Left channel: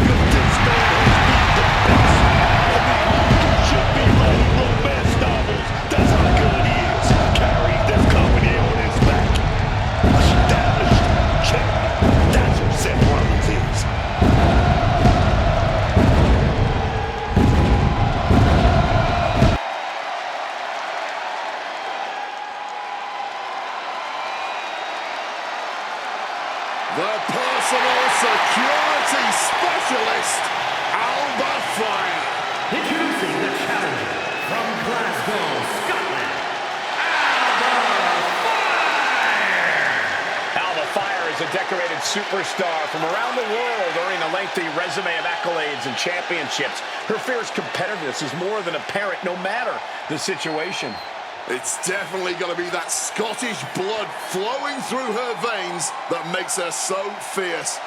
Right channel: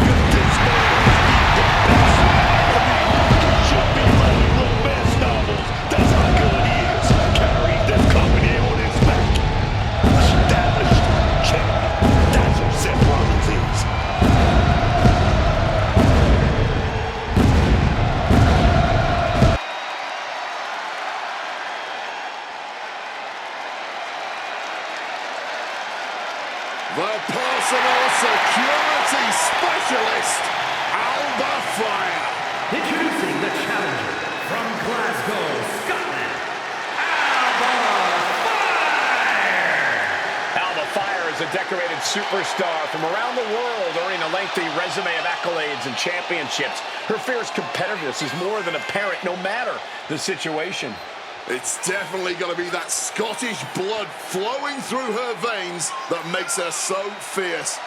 because this man has beat the best. I mean, he should be writing romance novels. That's how good he is. Carrying this company on his back. Established champion. That's who Seth Rollins is. The personal security specialist, Alba Fire. Introducing the challenger from Glasgow, Scotland, Alba Fire! Alba Fire is a decorated superstar from around the world, earning a lengthy resume of accolades and championships. Her fierce competitiveness is more than apparent, no matter the situation. It's definitely going to be that Scottish blood flowing through her veins that makes her so fierce.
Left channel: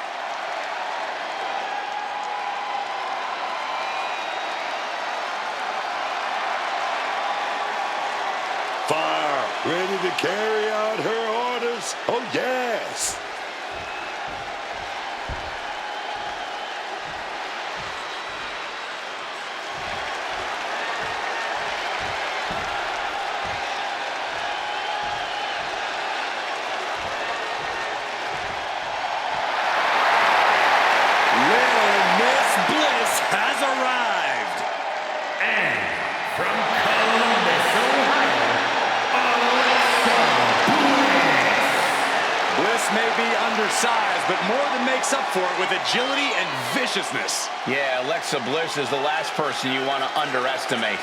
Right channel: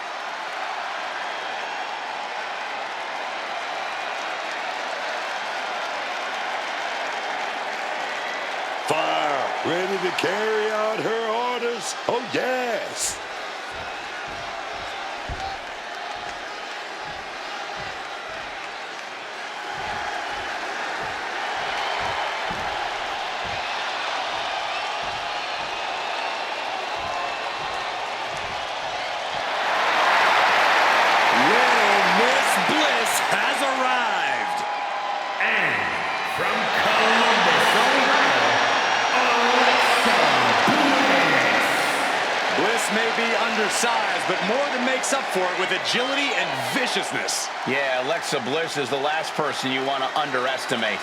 Fire, ready to carry out her orders? Oh, yes. Little Miss Bliss has arrived. And from Columbus, Ohio, Alexa Bliss. Bliss may be undersized, but more than makes up for it with agility and viciousness. Yeah, Alexa Bliss is the last person you want to underestimate.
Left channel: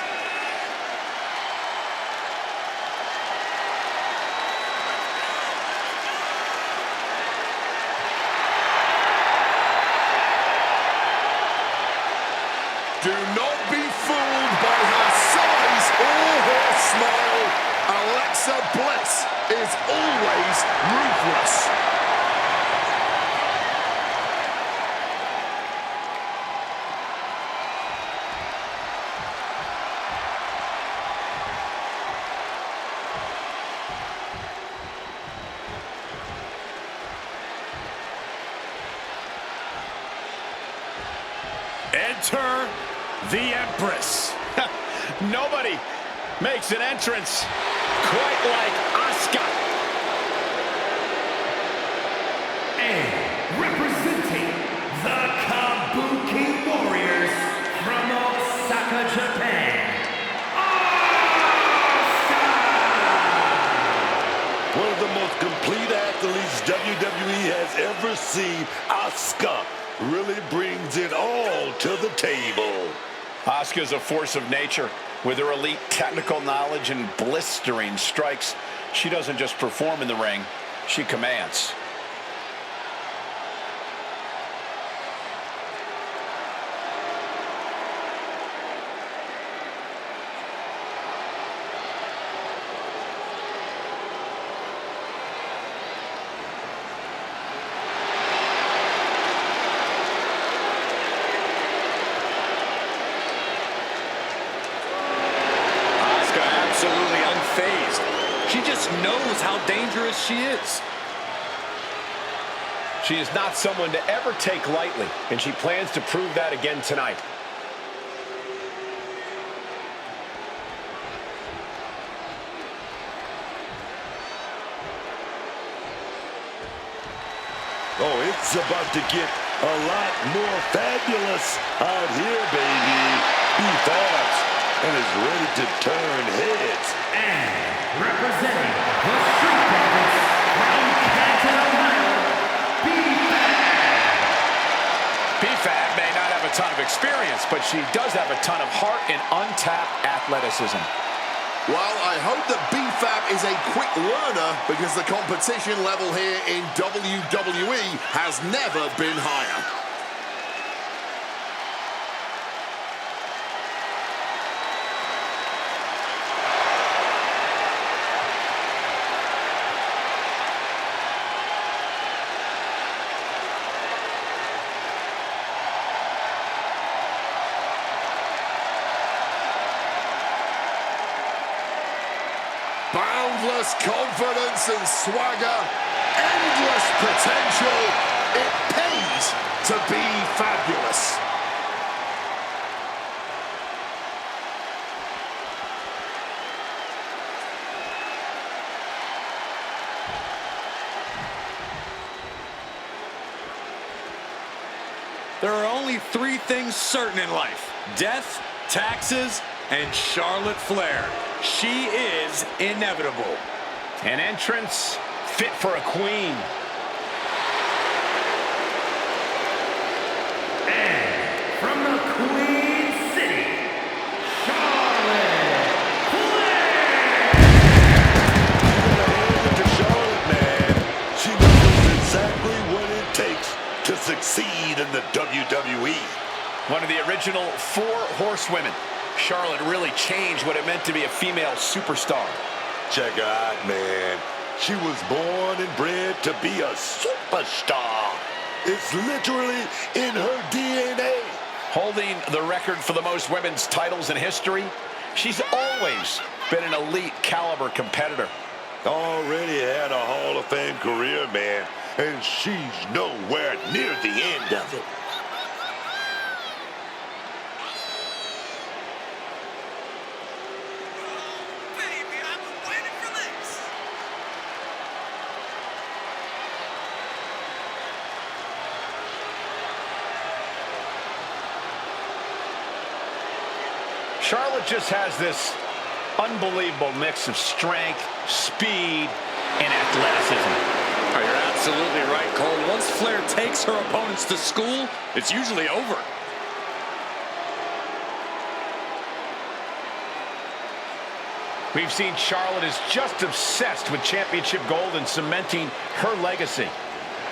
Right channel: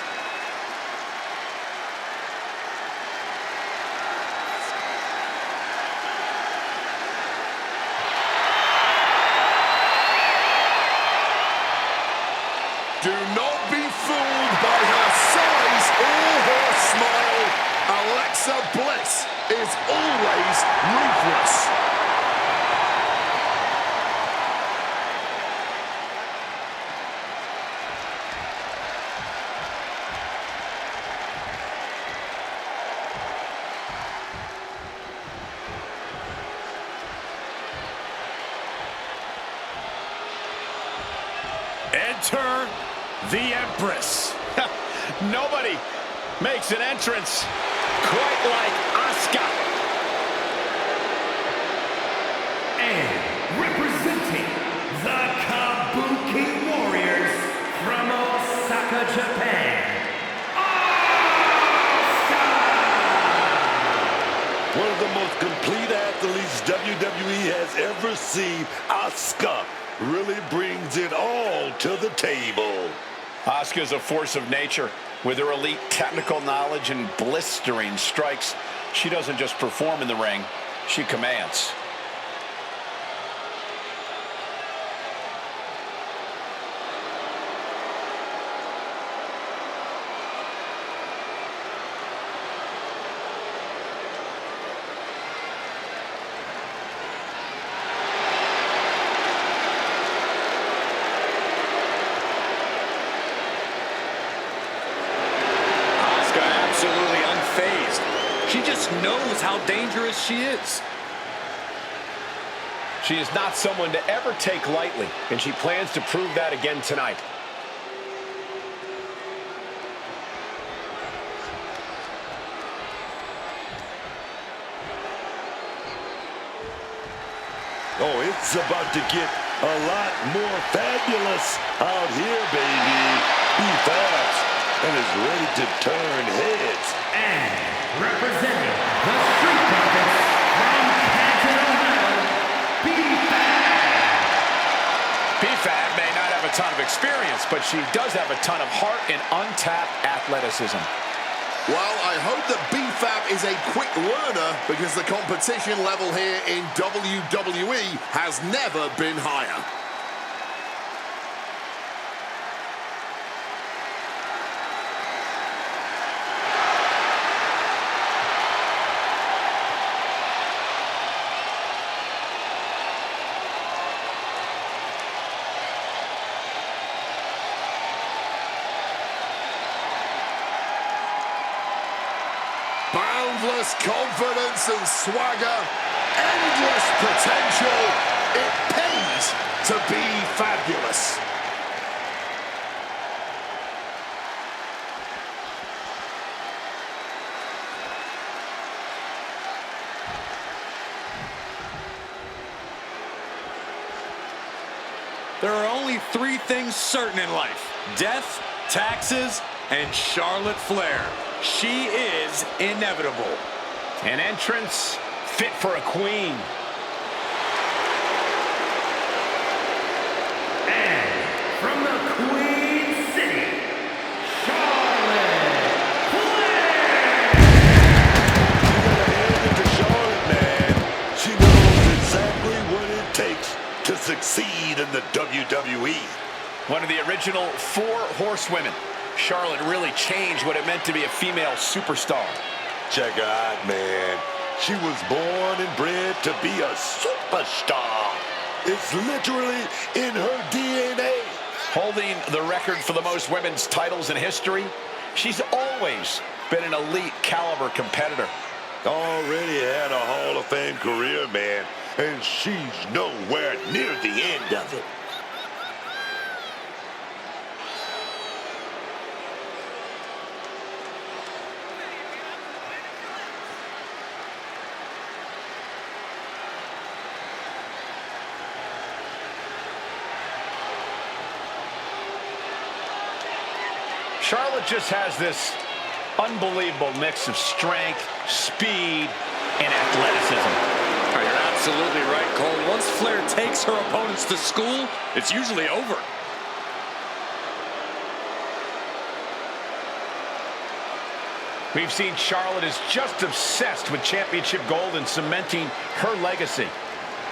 Do not be fooled by her size or her smile. Alexa Bliss is always ruthless. Enter the Empress. Nobody makes an entrance quite like Asuka. And representing the Kabuki Warriors from Osaka, Japan, Asuka! One of the most complete athletes WWE has ever seen. Asuka really brings it all to the table. Asuka's a force of nature. With her elite technical knowledge and blistering strikes, she doesn't just perform in the ring, she commands. Absolutely unfazed. She just knows how dangerous she is. She is not someone to ever take lightly, and she plans to prove that again tonight. Oh, it's about to get a lot more fabulous out here, baby. Be fast and is ready to turn heads. And representing the Street Profits from Canton, Ohio, B-Fab. B-Fab may not have a ton of experience, but she does have a ton of heart and untapped athleticism. Well, I hope that B-Fab is a quick learner because the competition level here in WWE has never been higher. Boundless confidence and swagger, endless potential. It pays to be fabulous. There are only three things certain in life: death, taxes, and Charlotte Flair. She is inevitable. An entrance fit for a queen. And from the Queen City, Charlotte Flair! You gotta hand it to Charlotte, man. She knows exactly what it takes to succeed in the WWE. One of the original 4 horsewomen. Charlotte really changed what it meant to be a female superstar. Check her out, man. She was born and bred to be a superstar. It's literally in her DNA. Holding the record for the most women's titles in history, she's always been an elite caliber competitor. Already had a Hall of Fame career, man, and she's nowhere near the end of it. Charlotte just has this unbelievable mix of strength, speed, and athleticism. Oh, you're absolutely right, Cole. Once Flair takes her opponents to school, it's usually over. We've seen Charlotte is just obsessed with championship gold and cementing her legacy.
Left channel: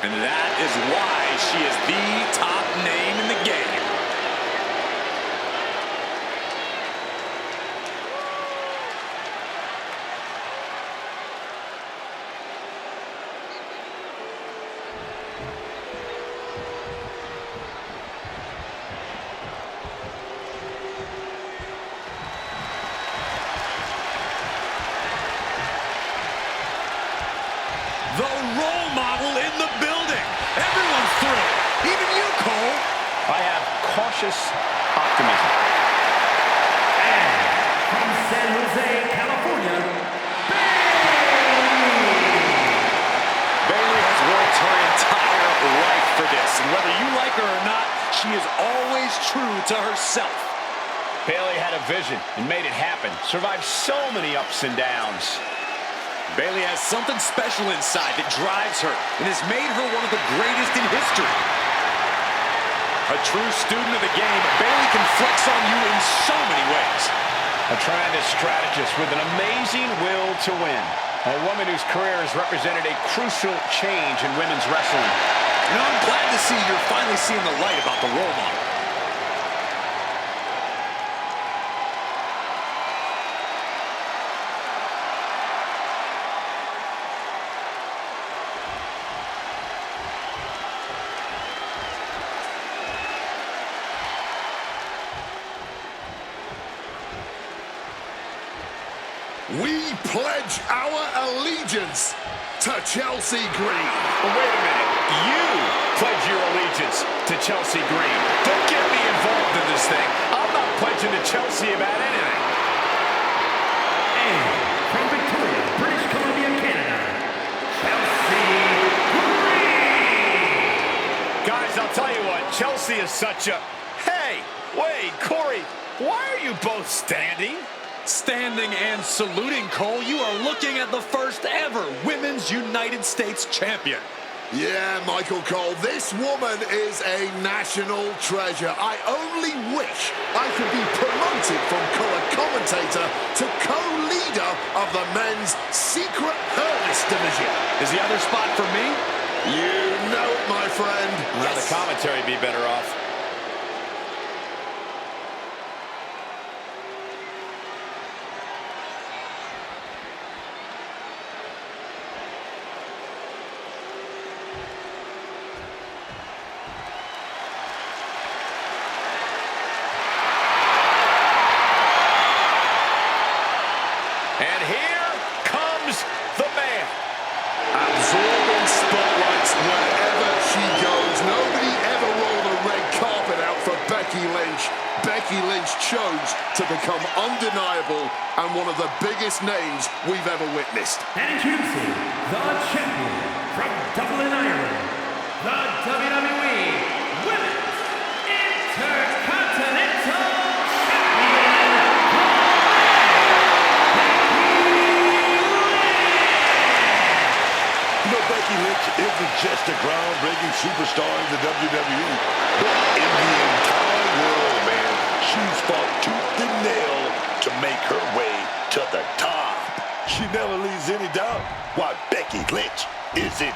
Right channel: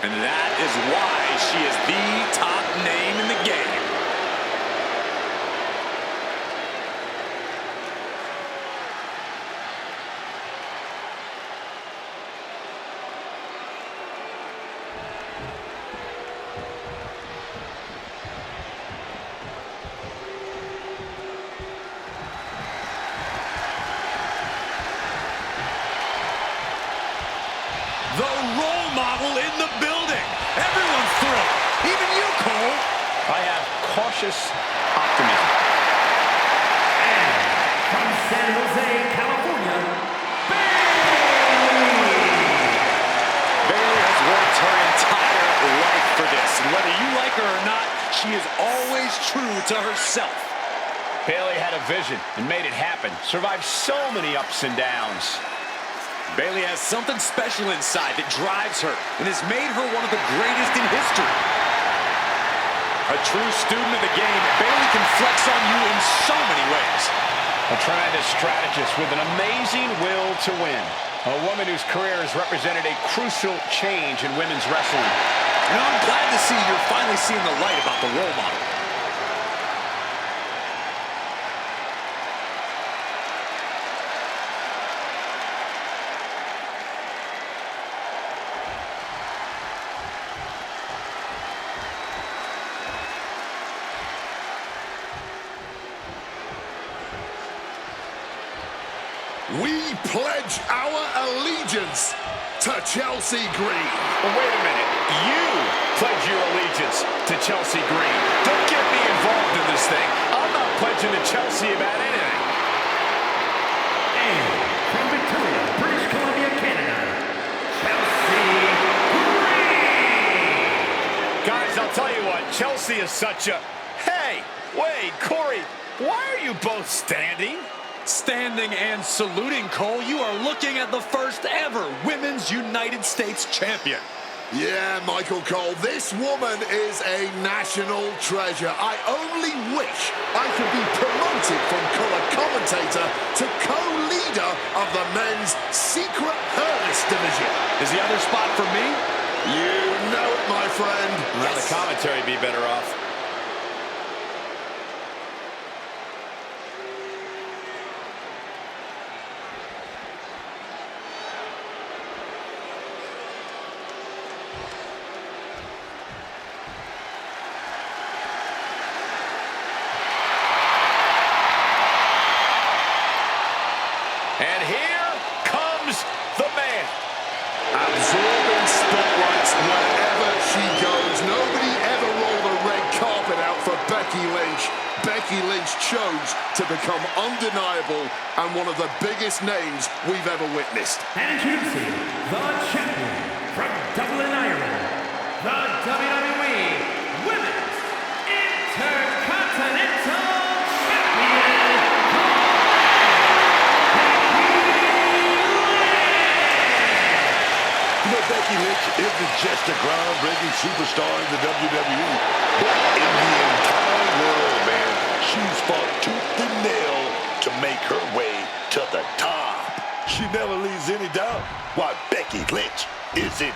And that is why she is the top name in the game. The role model in the building. Everyone's thrilled. Even you, Cole. I have cautious optimism. And from San Jose, California, Bayley! Bayley has worked her entire life for this. And whether you like her or not, she is always true to herself. Bayley had a vision and made it happen. Survived so many ups and downs. Bayley has something special inside that drives her and has made her one of the greatest in history. A true student of the game, Bayley can flex on you in so many ways. A tremendous strategist with an amazing will to win. A woman whose career has represented a crucial change in women's wrestling. You know, I'm glad to see you're finally seeing the light about the role model. We pledge our allegiance to Chelsea Green. Well, wait a minute. You pledge your allegiance to Chelsea Green. Don't get me involved in this thing. I'm not pledging to Chelsea about anything. And from Victoria, British Columbia, Canada, Chelsea Green! Guys, I'll tell you what. Chelsea is such a... Hey, wait, Corey, why are you both standing? Standing and saluting, Cole. You are looking at the first ever Women's United States champion. Yeah, Michael Cole, this woman is a national treasure. I only wish I could be promoted from color commentator to co-leader of the men's secret harness division. Is the other spot for me? You know it, my friend. Well, the commentary would be better off. And here comes the man. Absorbing spotlights wherever she goes. Nobody ever rolled a red carpet out for Becky Lynch. Becky Lynch chose to become undeniable and one of the biggest names we've ever witnessed. And introducing the champion from Dublin, Ireland, the WWE Women's isn't just a groundbreaking superstar in the WWE, but in the entire world, man. She's fought tooth and nail to make her way to the top. She never leaves any doubt why Becky Lynch is in.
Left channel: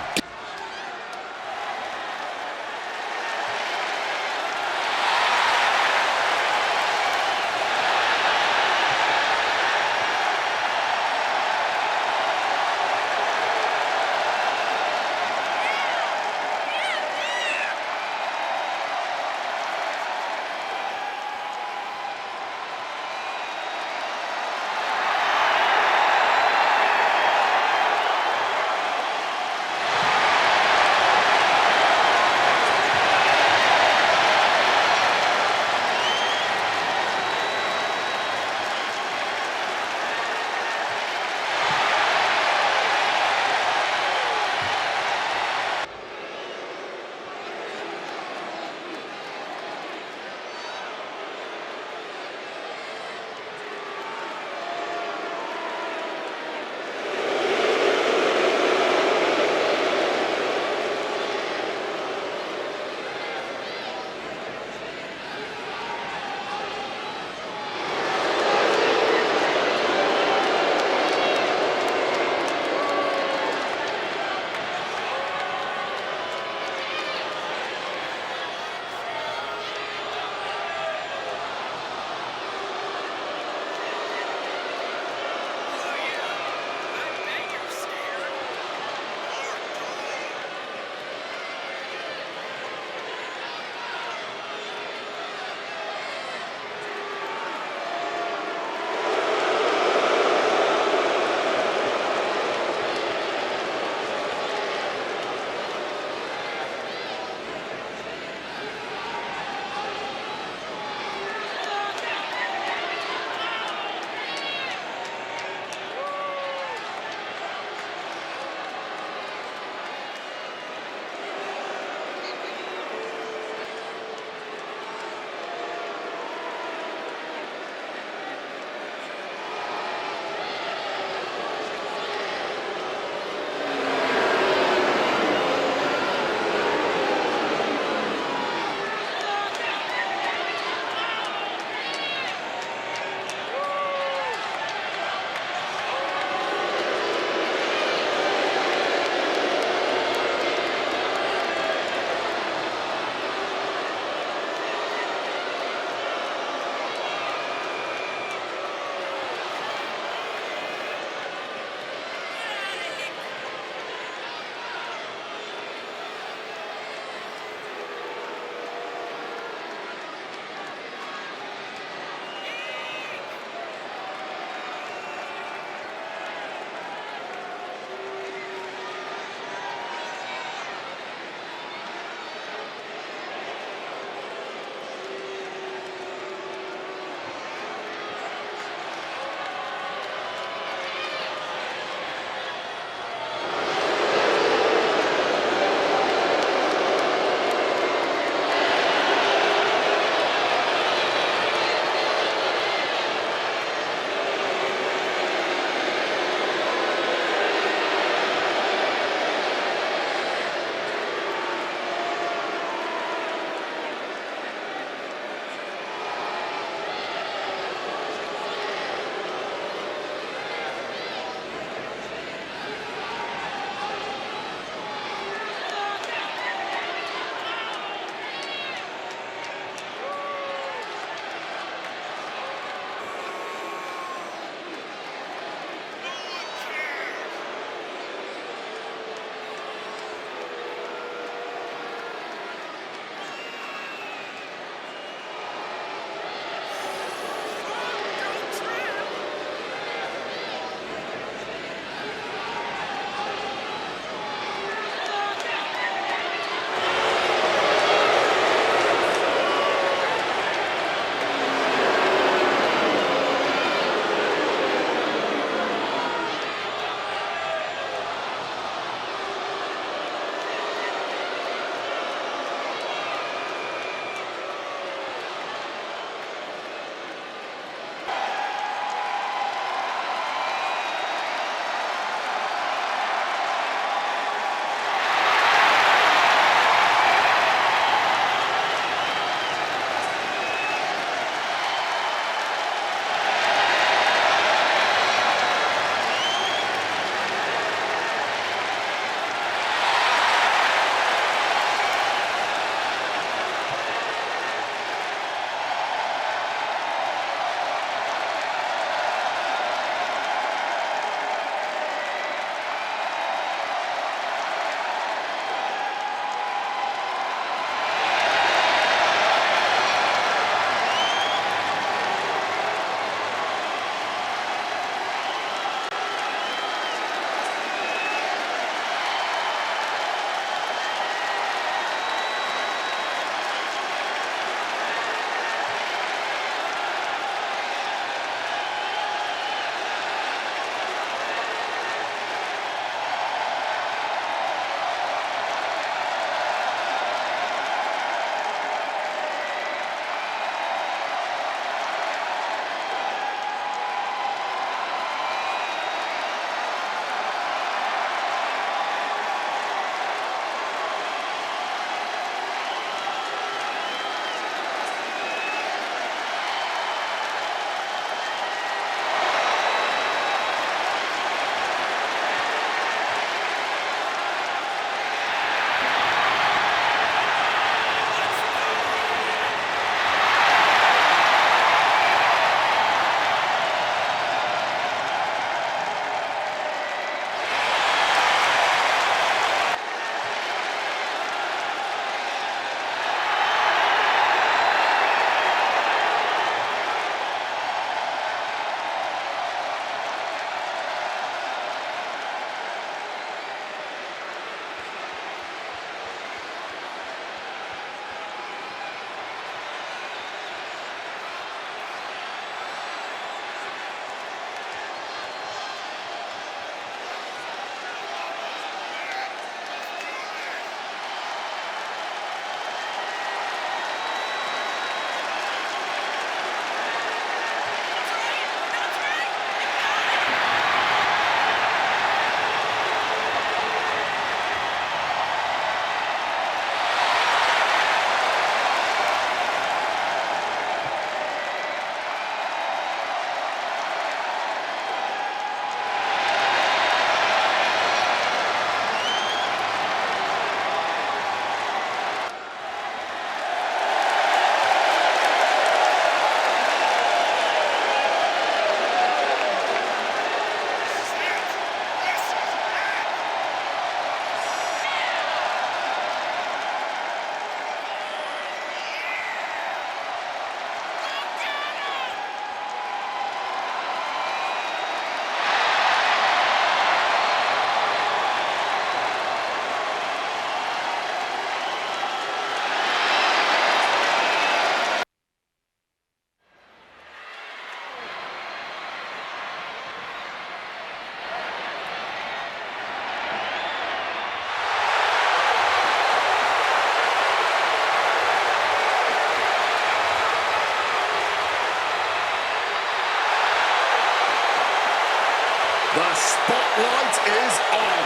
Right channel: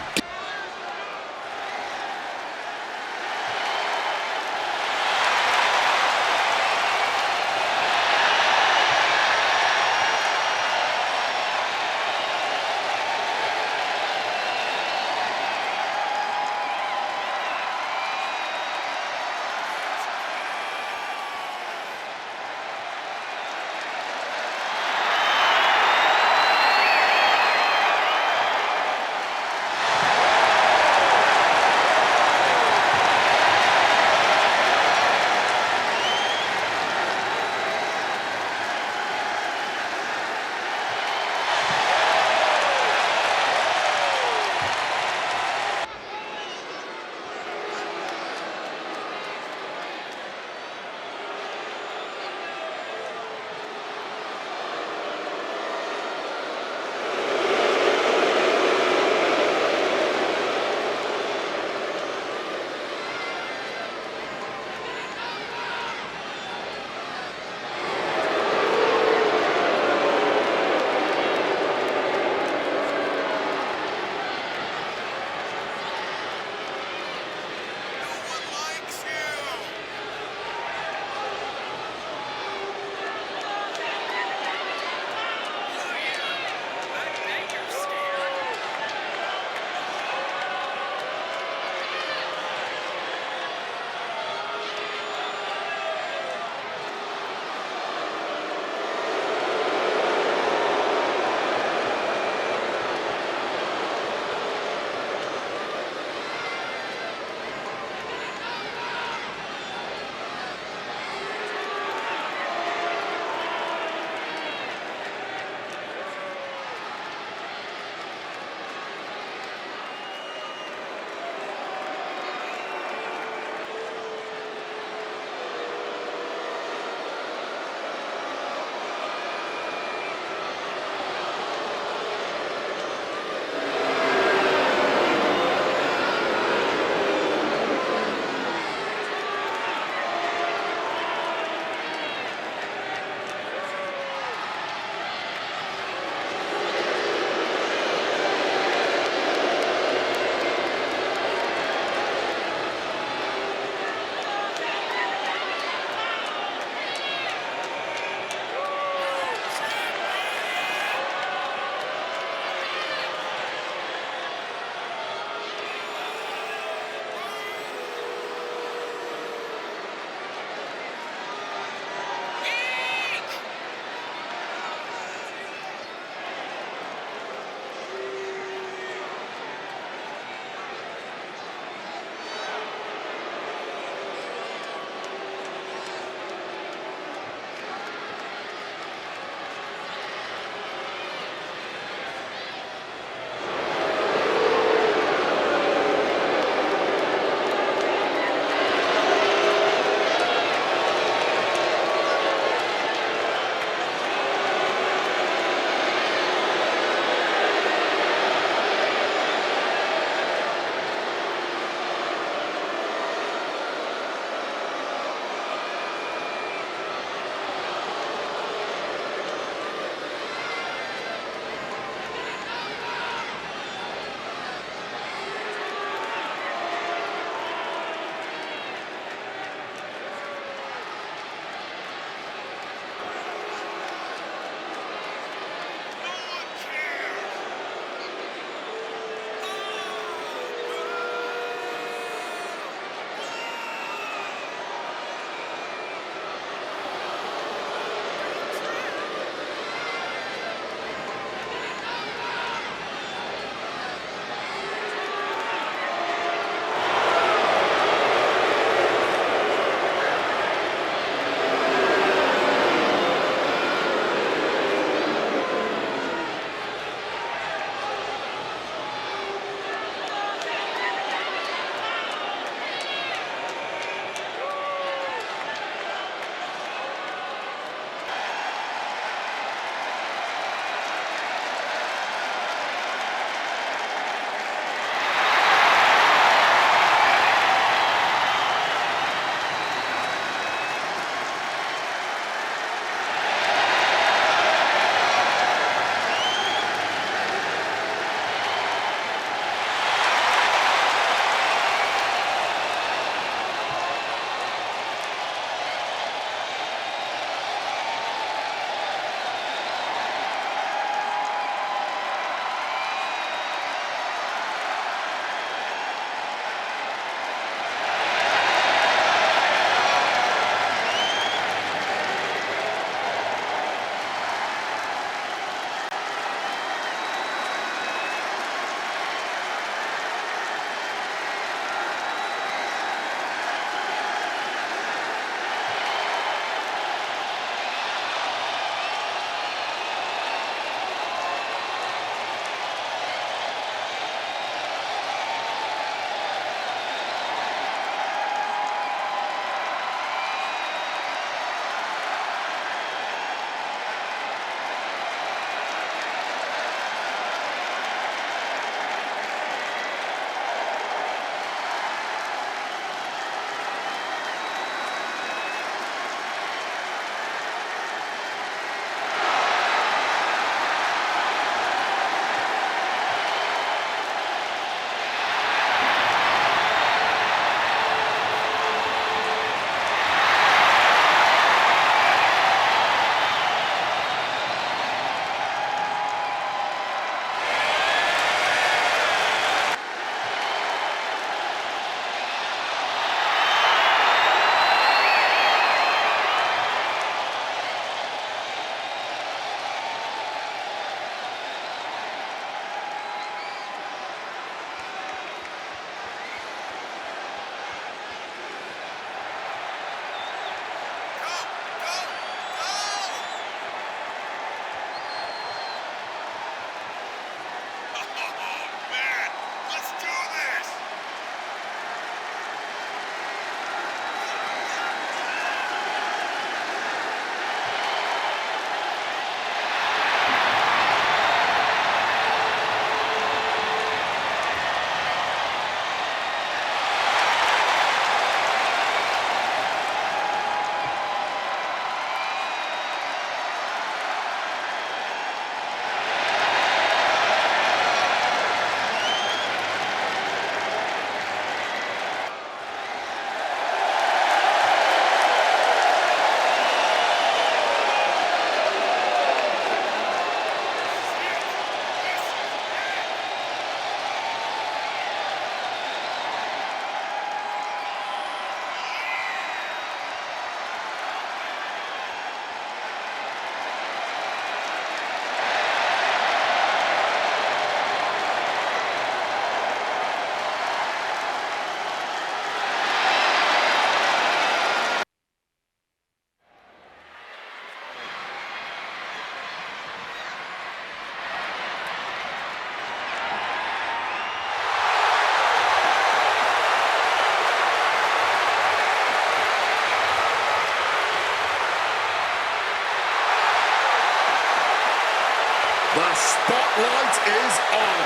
The spotlight is on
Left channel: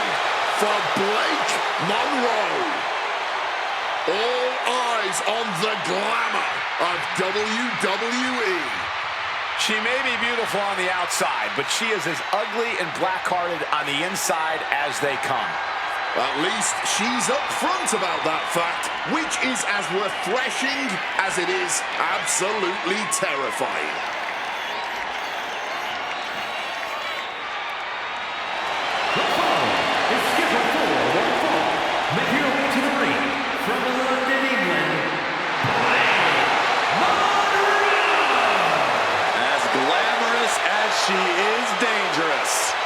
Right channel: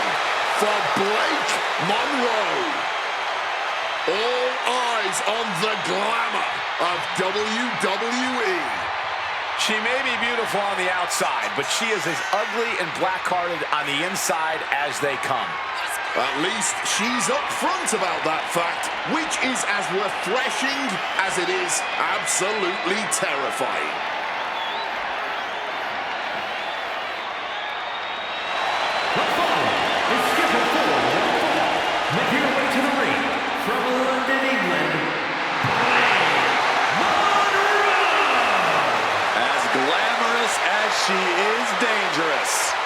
for Blake Monroe. All eyes on the glamour of WWE. She may be beautiful on the outside, but she is as ugly and black-hearted on the inside as they come. At least she's upfront about that fact, which is as refreshing as it is absolutely terrifying. The following is scheduled for one fall. Making her way to the ring from London, England, Blake Monroe. As glamorous as she is dangerous.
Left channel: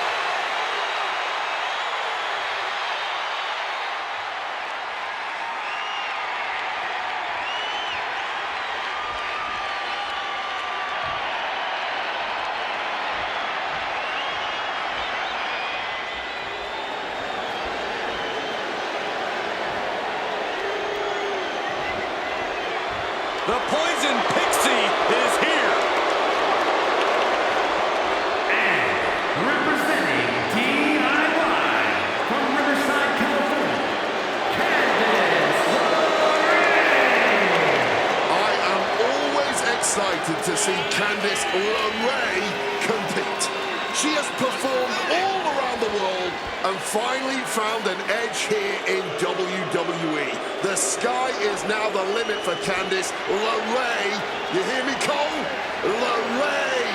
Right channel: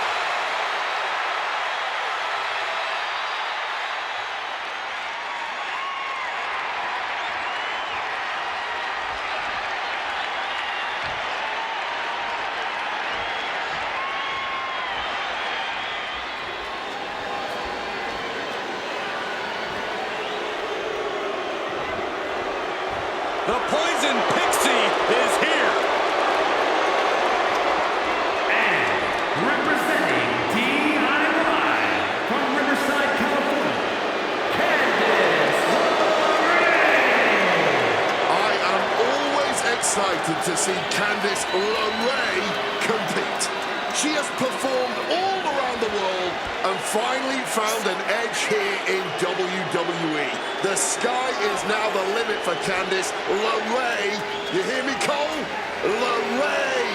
The Poison Pixie is here. And representing DIY from Riverside, California, Candice LeRae. I am always excited to see Candice LeRae compete. She has performed all around the world and finally found an edge here in WWE. The sky is now the limit for Candice LeRae. You hear me, Cole? LeRae.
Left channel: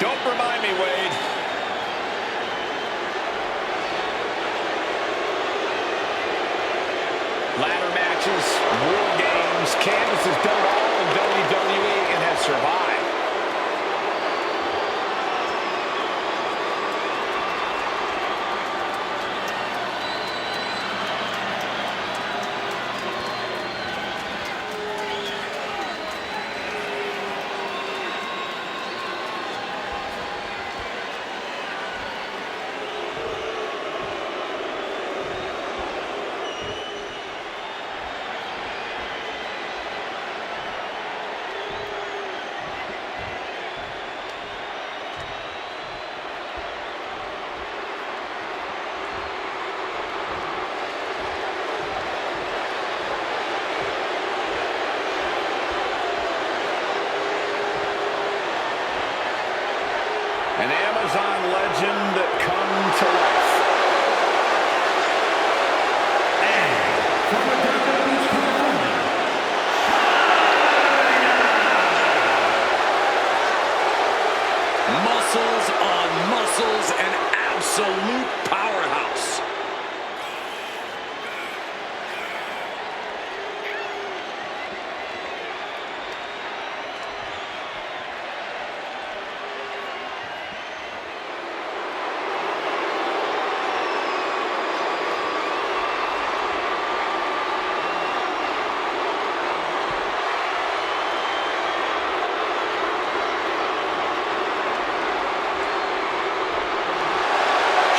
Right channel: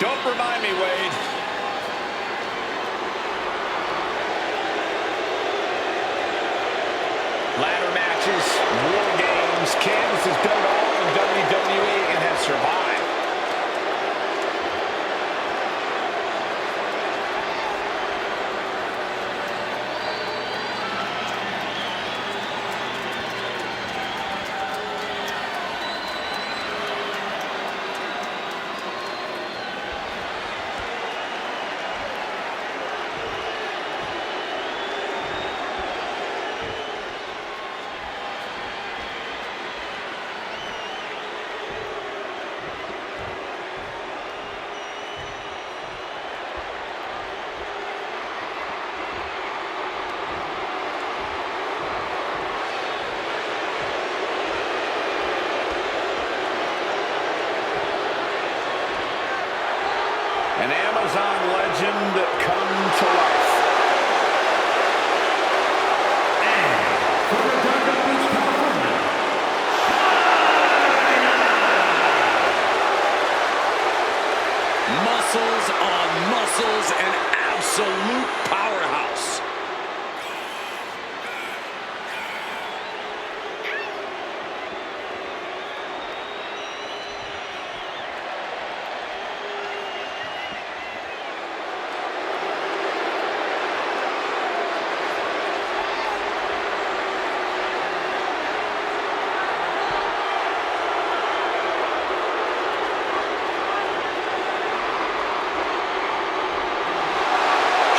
Don't remind me, Wade. Ladder matches, war games. Candice has done it all in WWE and has survived. An Amazon legend come to life. And from Redondo Beach, California, China. Muscles on muscles, an absolute powerhouse.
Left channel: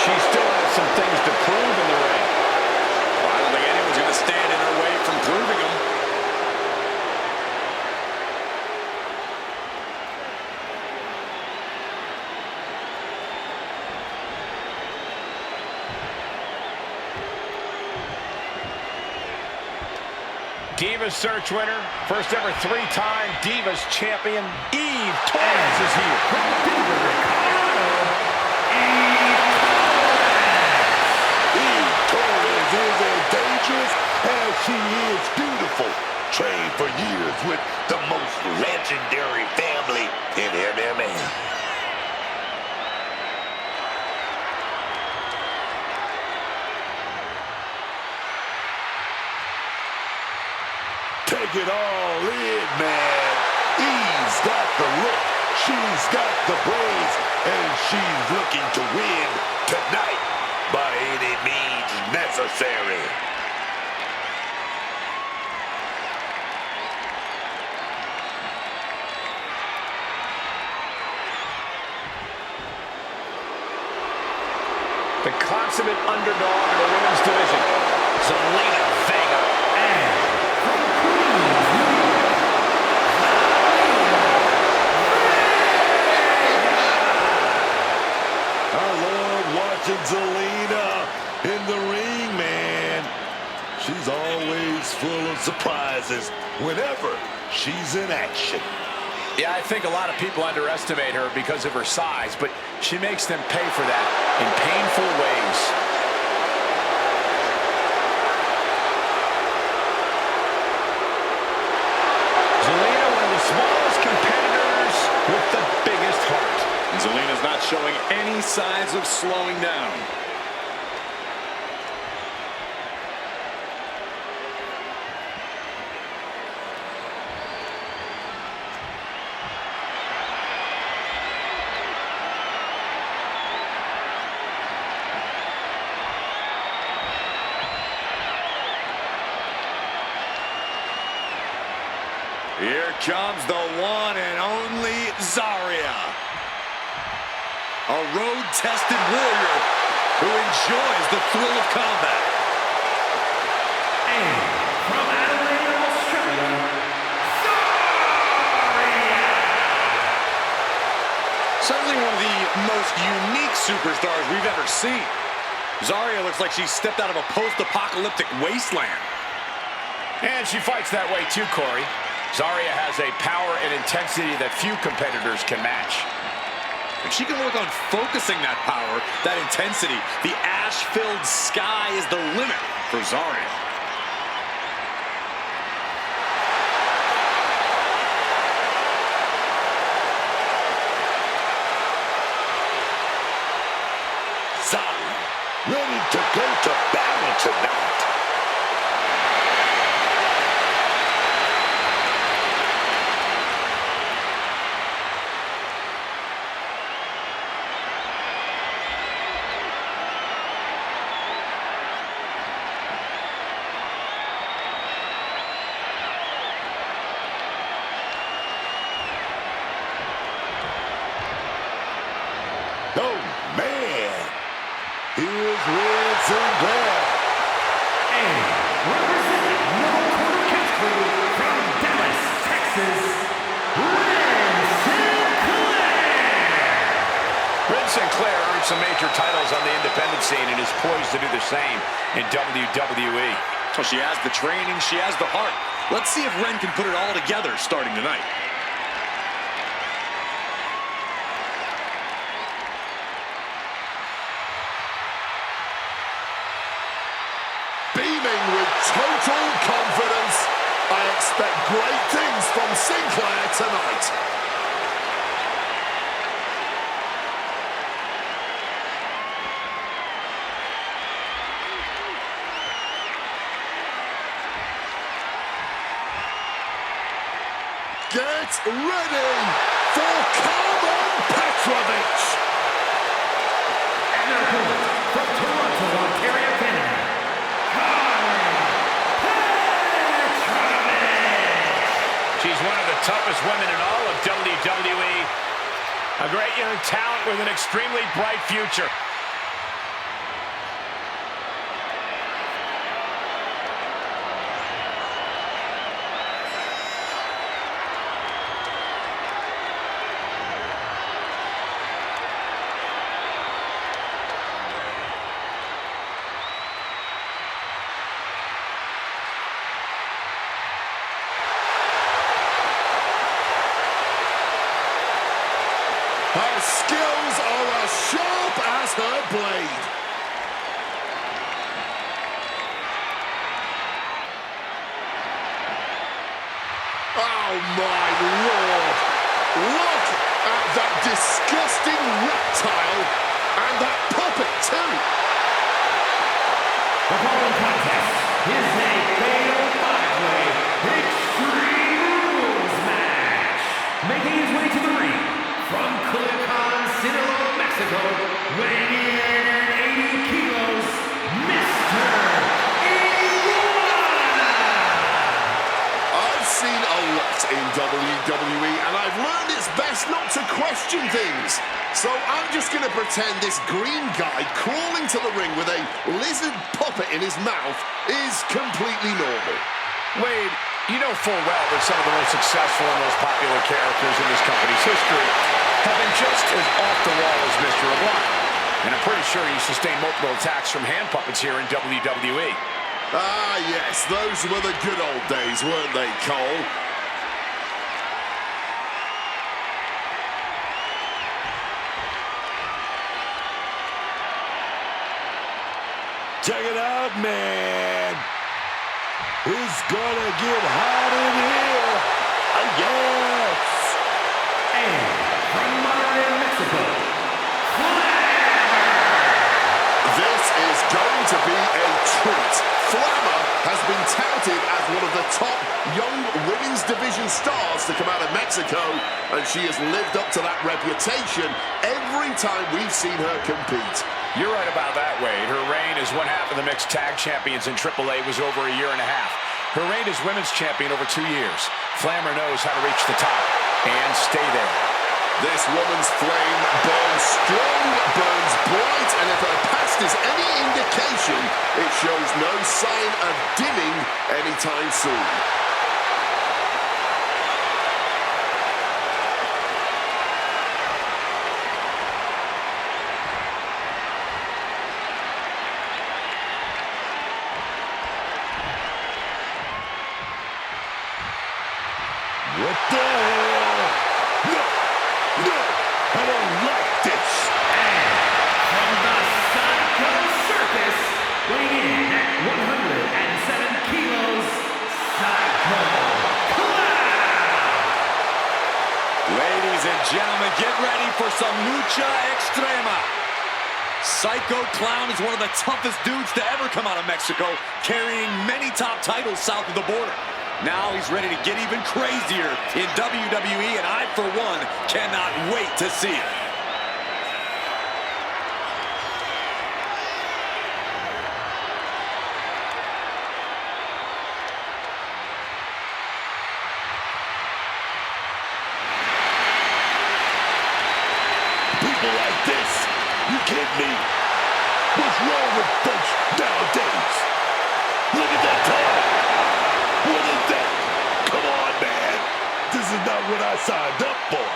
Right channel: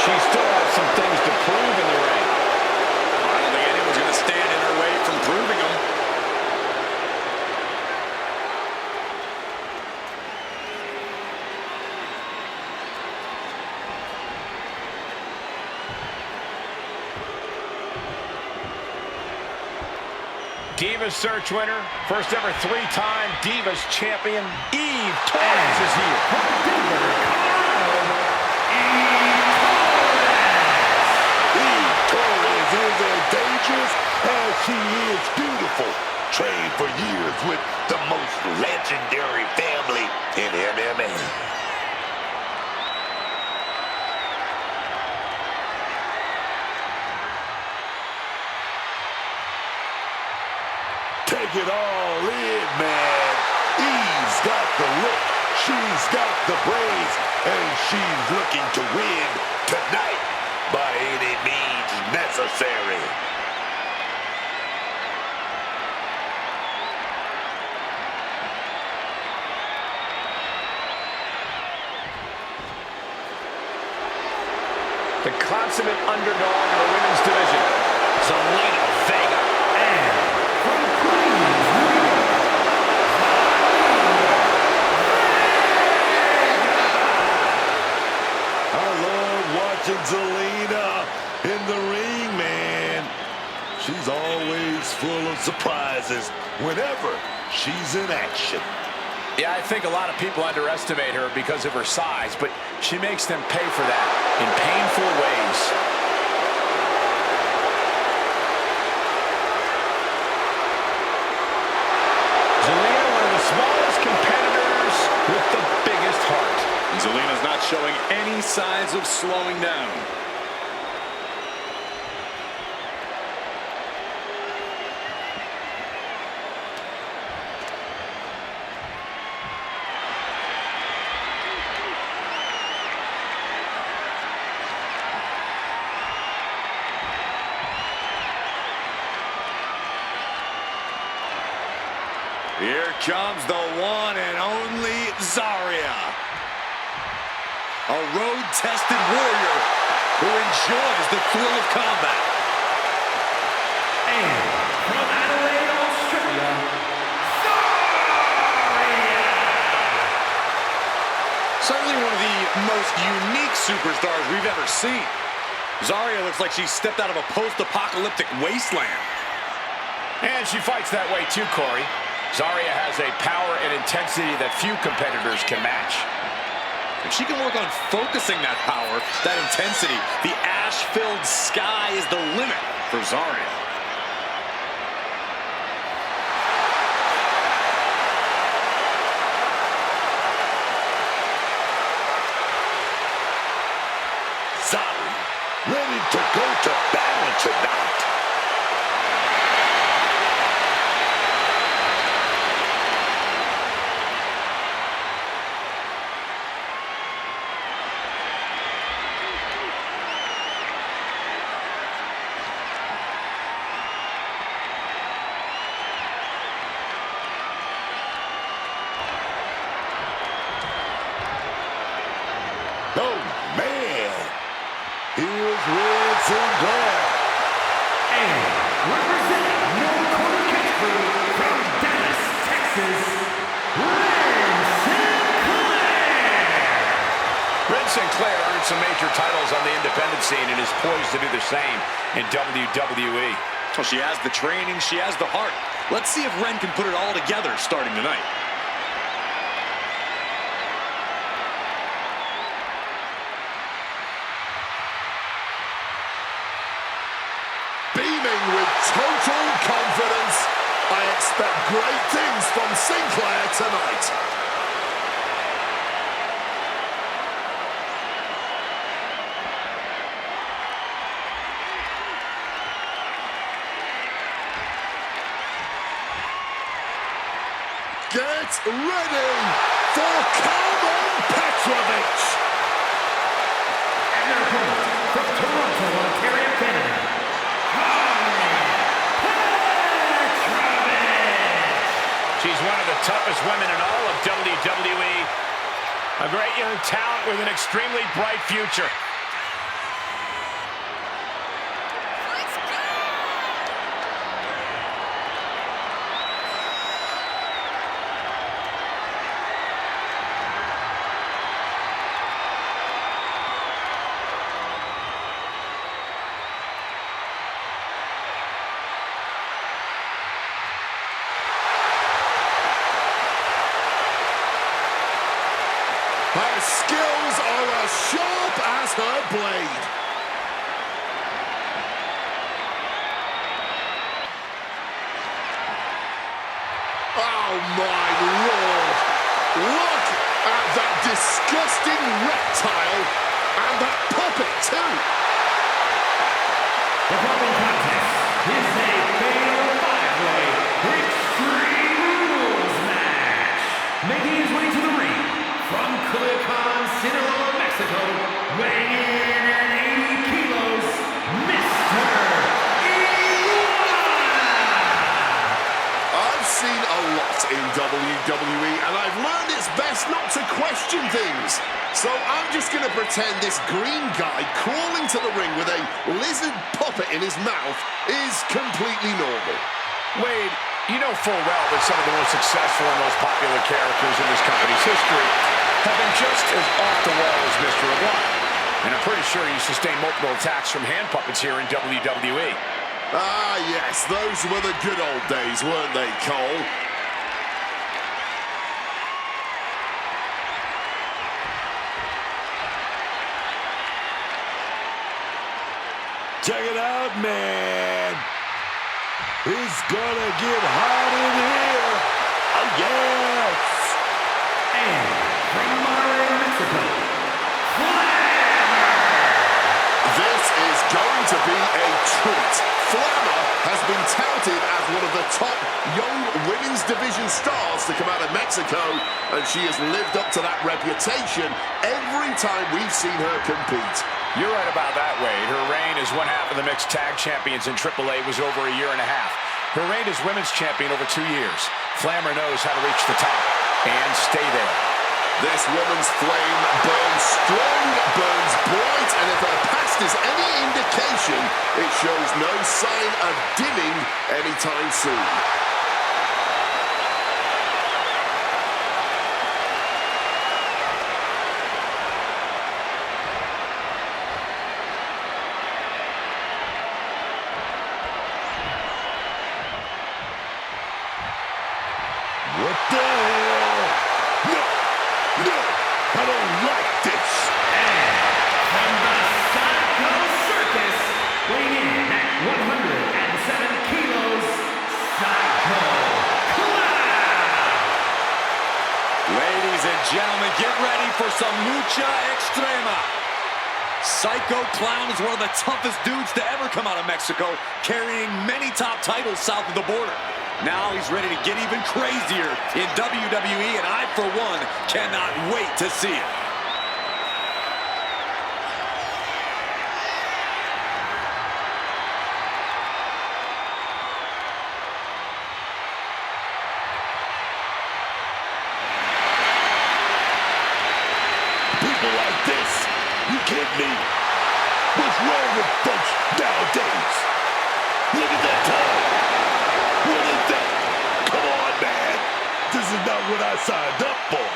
She still has some things to prove in the ring. Well, I don't think anyone's going to stand in her way from proving them. Divas Search winner, first ever three-time Divas champion, Eve Torres is here. From Denver, Colorado, Eve Torres is as dangerous as she is beautiful. Trained for years with the most legendary family in MMA. Take it all in, man. Eve's got the look, she's got the brains, and she's looking to win tonight by any means necessary. The consummate underdog in the women's division, Zelina Vega. and from Queens, New York, I love watching Zelina in the ring, man. She's always full of surprises whenever she's in action. Yeah, I think a lot of people underestimate her because of her size, but she makes them pay for that in painful ways. Zelina, one of the smallest competitors with the biggest heart. And Zelina's not showing any signs of slowing down. Here comes the one and only Zarya. A road-tested warrior who enjoys the thrill of combat. And from Adelaide, Australia, Zarya! Certainly one of the most unique superstars we've ever seen. Zarya looks like she stepped out of a post-apocalyptic wasteland. And she fights that way too, Corey. Zarya has a power and intensity that few competitors can match. If she can work on focusing that power, that intensity, the ash-filled sky is the limit for Zarya. Zarya, ready to go to battle tonight. Oh, man. Here's Red Sinclair. And representing No Corner Catch Crew from Dallas, Texas, Red Sinclair! Red Sinclair earned some major titles on the independent scene and is poised to do the same in WWE. Well, she has the training, she has the heart. Let's see if Ren can put it all together starting tonight. Beaming with total confidence, I expect great things from Sinclair tonight. Get ready for Carmen Petrovic. And their opponent from Toronto, Ontario, Canada, Carmen Petrovic! She's one of the toughest women in all of WWE. A great young talent with an extremely bright future. Her skills are as sharp as her blade. Oh my Lord! Look at that disgusting reptile and that puppet too. The following contest is a fatal five-way Extreme Rules match. Making his way to the ring from Culiacan, Sinaloa, Mexico, weighing in at 80 kilos, Mr. Iguana! I've seen a lot in WWE, and I've learned it's best not to question things. So I'm just going to pretend this green guy crawling to the ring with a lizard puppet in his mouth is completely normal. Wade, you know full well that some of the most successful and most popular characters in this company's history have been just as off the wall as Mr. Iguana. And I'm pretty sure he sustained multiple attacks from hand puppets here in WWE. Ah, yes, those were the good old days, weren't they, Cole? Check it out, man. It's gonna get hot in here. Oh, yes. And from Monterrey, Mexico, Flammer! This is going to be a treat. Flammer has been touted as one of the top young women's division stars to come out of Mexico, and she has lived up to that reputation every time we've seen her compete. You're right about that, Wade. Her reign as one half of the mixed tag champions in AAA was over a year and a half. Her reign as women's champion over 2 years. Flammer knows how to reach the top and stay there. This woman's flame burns strong, burns bright, and if her past is any indication, it shows no sign of dimming anytime soon. What the hell? No, no, I don't like this. And from the Psycho Circus, weighing in at 107 kilos, Psycho Clown! Ladies and gentlemen, get ready for some lucha extrema. Psycho Clown is one of the toughest dudes to ever come out of Mexico, carrying many top titles south of the border. Now he's ready to get even crazier in WWE, and I, for one, cannot wait to see it. People like this, you kidding me? What's wrong with folks nowadays? Look at that time. What is that? Come on, man. This is not what I signed up for.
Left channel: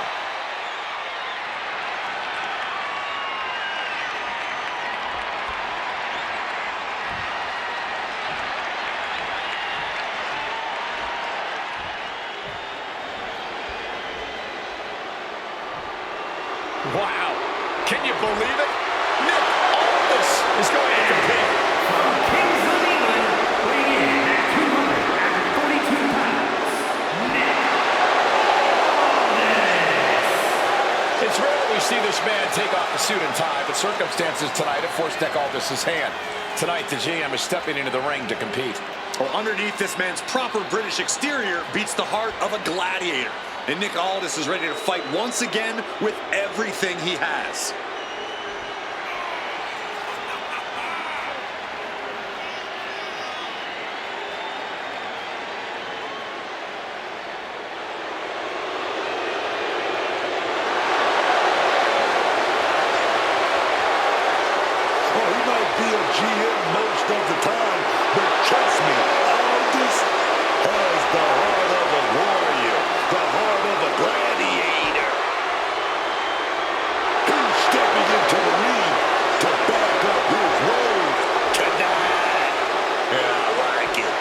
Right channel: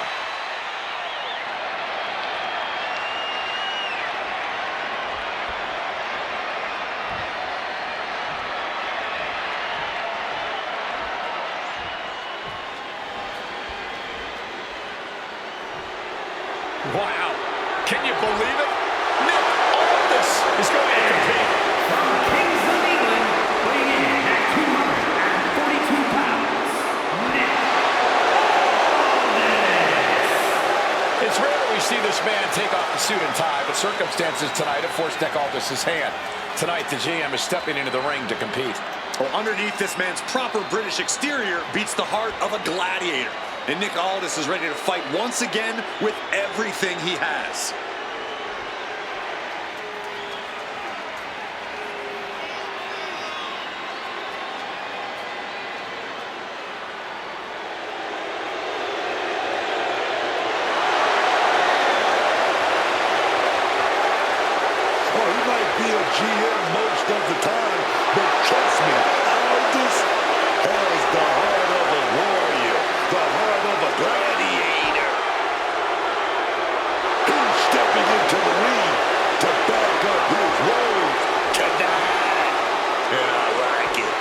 Wow. Can you believe it? Nick Aldis is going to compete. From Kings of England, weighing in at 242 pounds, Nick Aldis! It's rare that we see this man take off the suit and tie, but circumstances tonight have forced Nick Aldis' hand. Tonight, the GM is stepping into the ring to compete. Well, underneath this man's proper British exterior beats the heart of a gladiator. And Nick Aldis is ready to fight once again with everything he has. Oh, he might be a GM most of the time, but trust me, Aldis has the heart of a warrior, the heart of a gladiator. He's stepping into the ring to back up his words tonight. And I like it.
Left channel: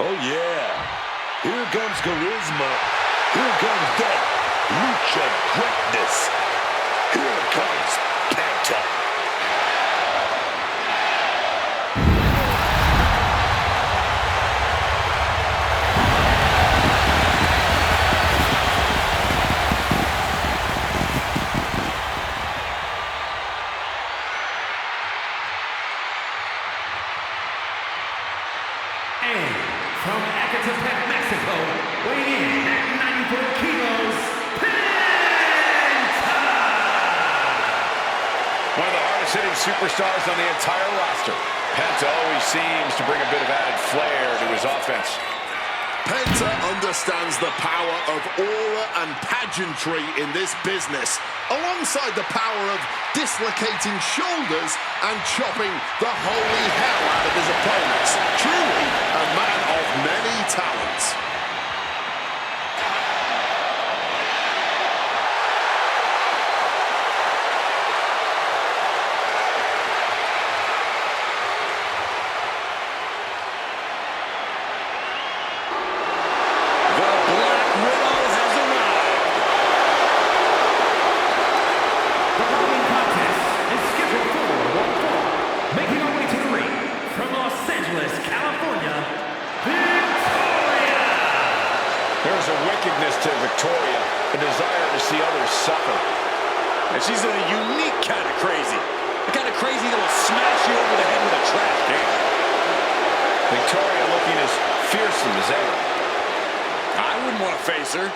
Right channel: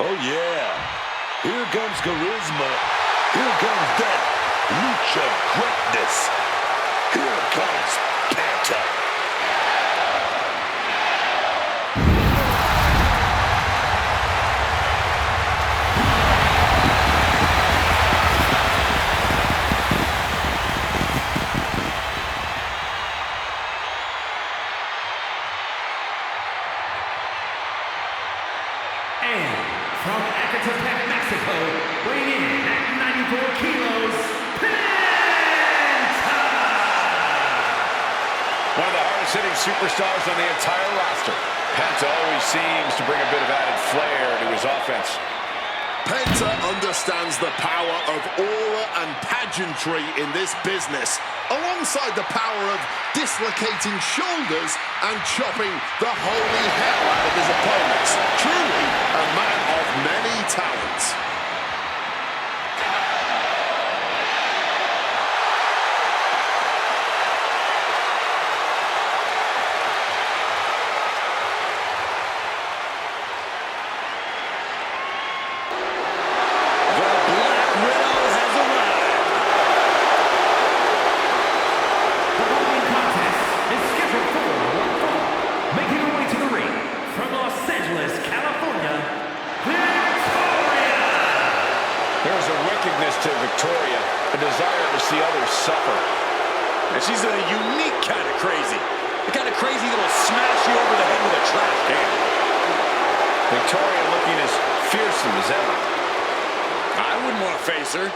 Oh, yeah. Here comes charisma. Here comes that lucha greatness. Here comes Penta. And from Ecatepec, Mexico, weighing in at 94 kilos, Penta! One of the hardest-hitting superstars on the entire roster. Penta always seems to bring a bit of added flair to his offense. Penta understands the power of aura and pageantry in this business, alongside the power of dislocating shoulders and chopping the holy hell out of his opponents. Truly a man of many talents. Making her way to the ring from Los Angeles, California, Victoria! There's a wickedness to Victoria, a desire to see others suffer. And she's a unique kind of crazy. The kind of crazy that'll smash you over the head with a trash can. Victoria looking as fearsome as ever. I wouldn't want to face her.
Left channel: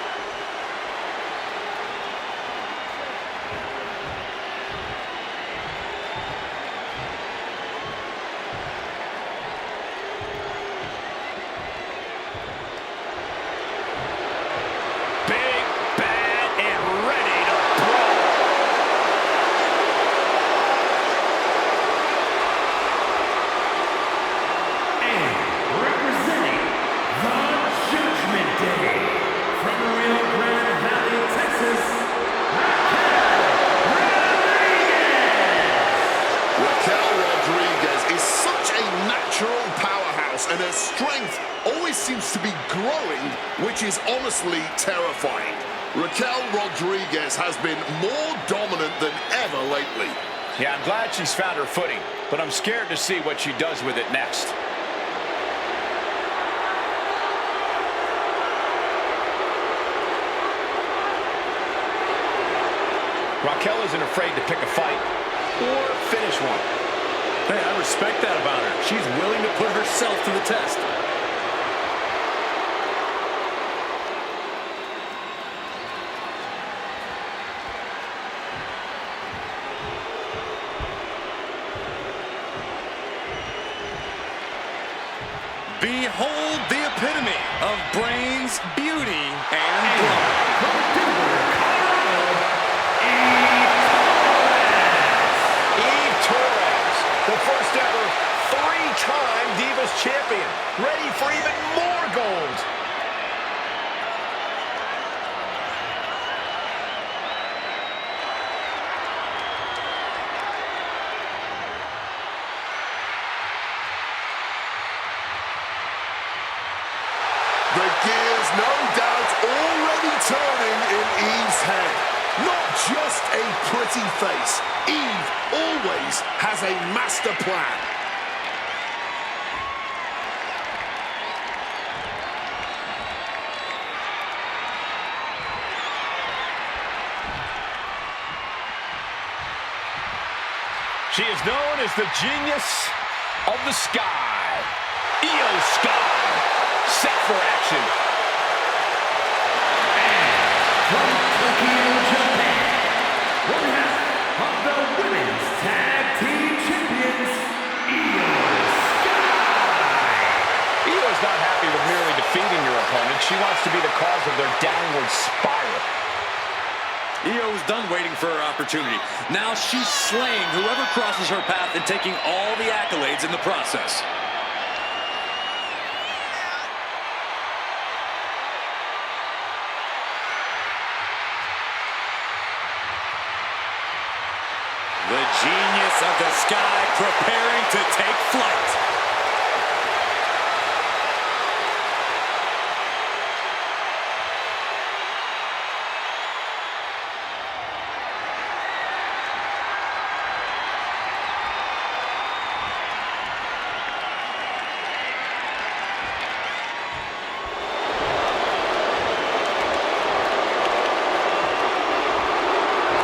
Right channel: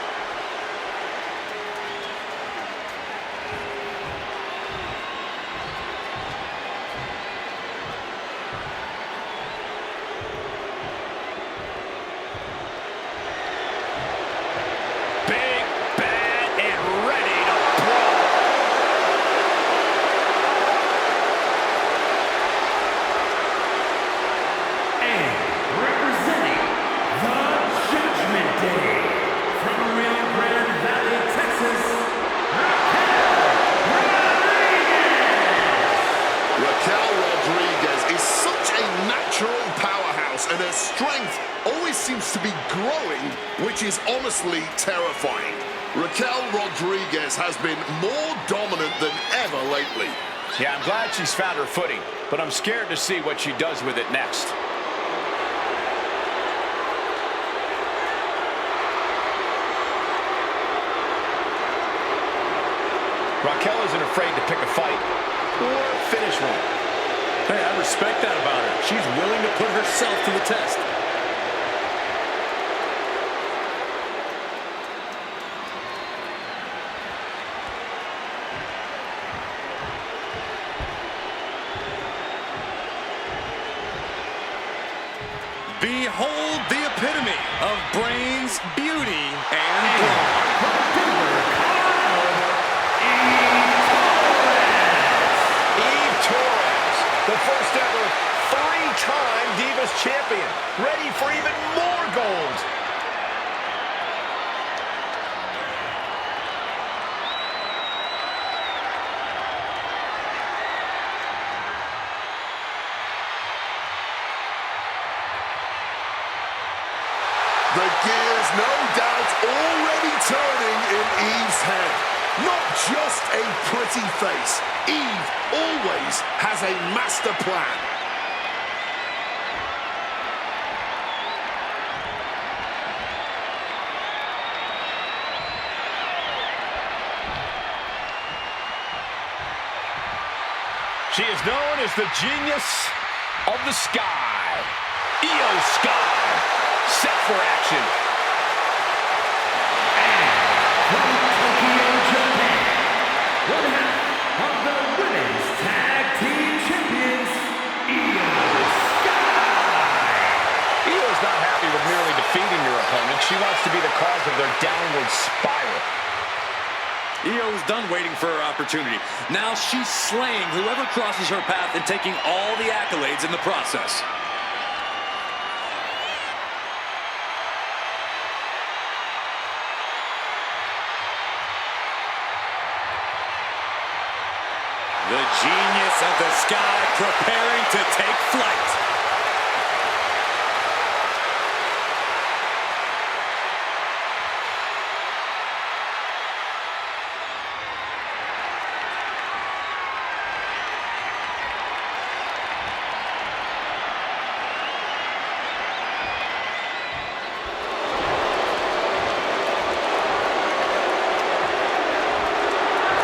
From Rio Grande Valley, Texas, Raquel Rodriguez is such a natural powerhouse, and her strength always seems to be growing, which is honestly terrifying. Raquel Rodriguez has been more dominant than ever lately. Yeah, I'm glad she's found her footing, but I'm scared to see what she does with it next. Raquel isn't afraid to pick a fight or finish one. Hey, I respect that about her. She's willing to put herself to the test. Behold the epitome of brains, beauty, and brawn. From Denver, Colorado, Eve Torres, the first ever three-time Divas champion, ready for even more gold. The gears, no doubt, already turning in Eve's head. Not just a pretty face. Eve always has a master plan. She is known as the genius of the sky. Io Sky, set for action. from Tokyo, Japan, one half of the Women's Tag Team Champions, Io Sky. Io's not happy with merely defeating your opponent. She wants to be the cause of their downward spiral. Io is done waiting for her opportunity. Now she's slaying whoever crosses her path and taking all the accolades in the process. The genius of the sky preparing to take flight.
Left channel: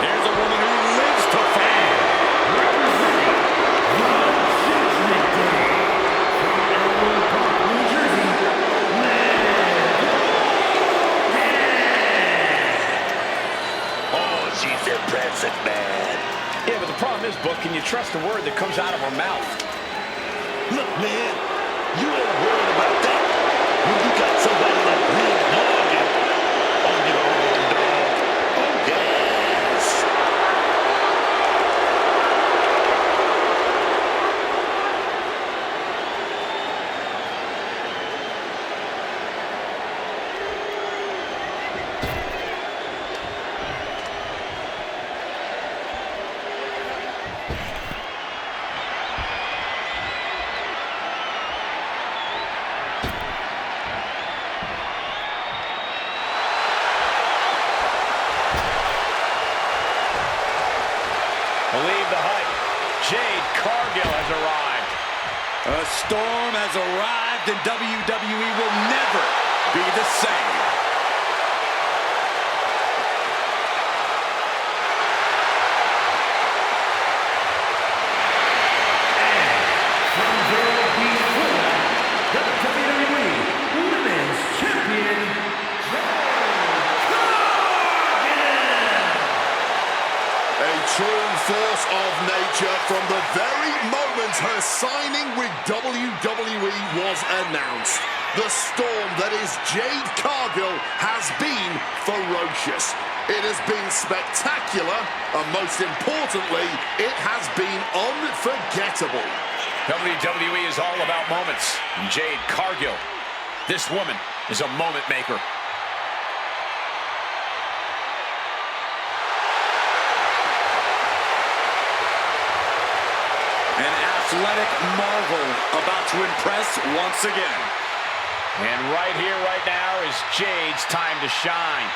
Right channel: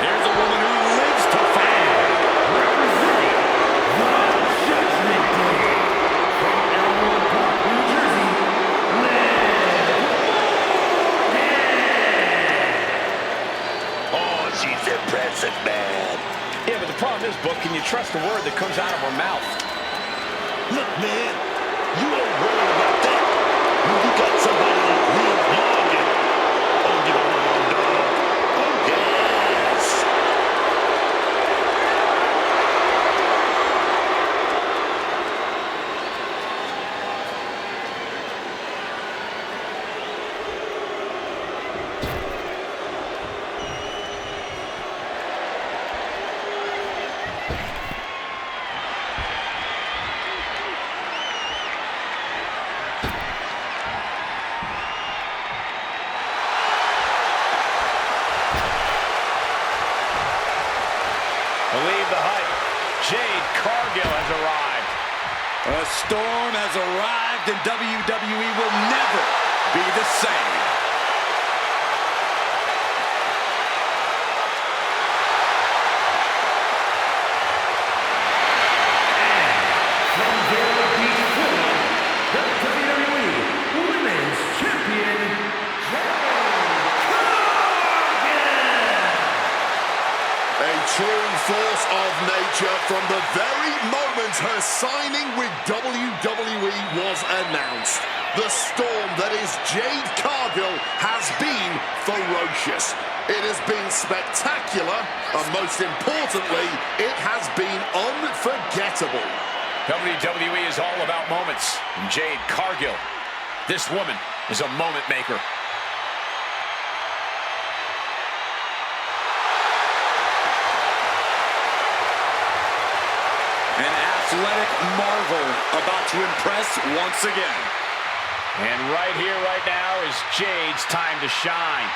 Here's a woman who lives to fight. Representing the Judgment Day from Elmwood Park, New Jersey, Liv Morgan. Oh, she's impressive, man. Yeah, but the problem is, Book, can you trust a word that comes out of her mouth? Look, man, you ain't worried about that. When you got somebody Jade Cargill has arrived. A storm has arrived and WWE will never be the same. From Vero Beach, Florida, the WWE Women's Champion, Jade Cargill. A true force of nature from the very moment her signing with WWE was announced. The storm that is Jade Cargill has been ferocious. It has been spectacular, and most importantly, it has been unforgettable. WWE is all about moments. And Jade Cargill, this woman is a moment maker. An athletic marvel about to impress once again. And right here, right now is Jade's time to shine.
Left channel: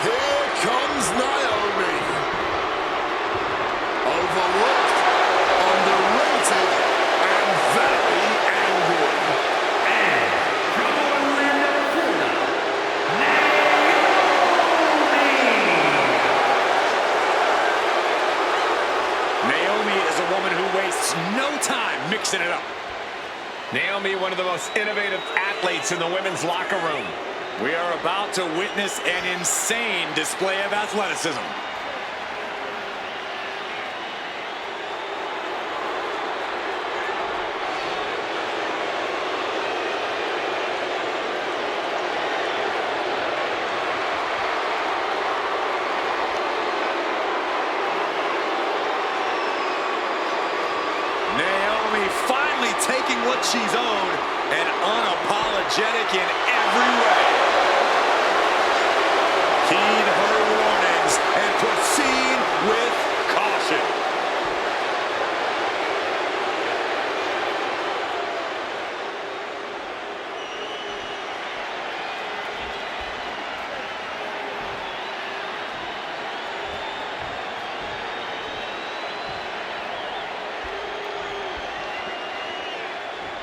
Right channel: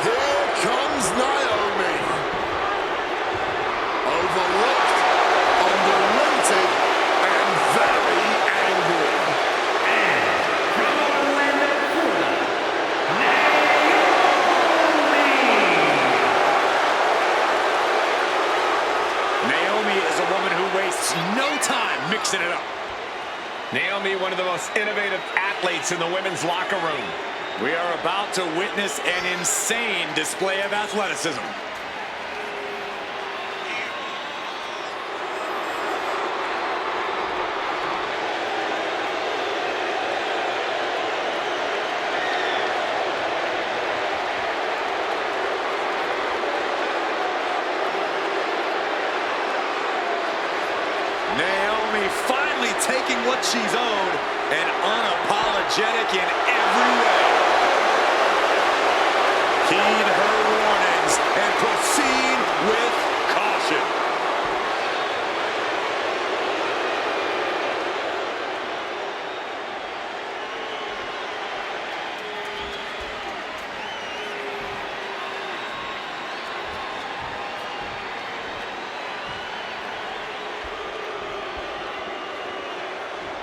Here comes Naomi. Overlooked, underrated, and very angry. And from Orlando, Florida, Naomi. Naomi is a woman who wastes no time mixing it up. Naomi, one of the most innovative athletes in the women's locker room. We are about to witness an insane display of athleticism. Naomi finally taking what she's owed and unapologetic in every way. Heed her warnings and proceed with caution.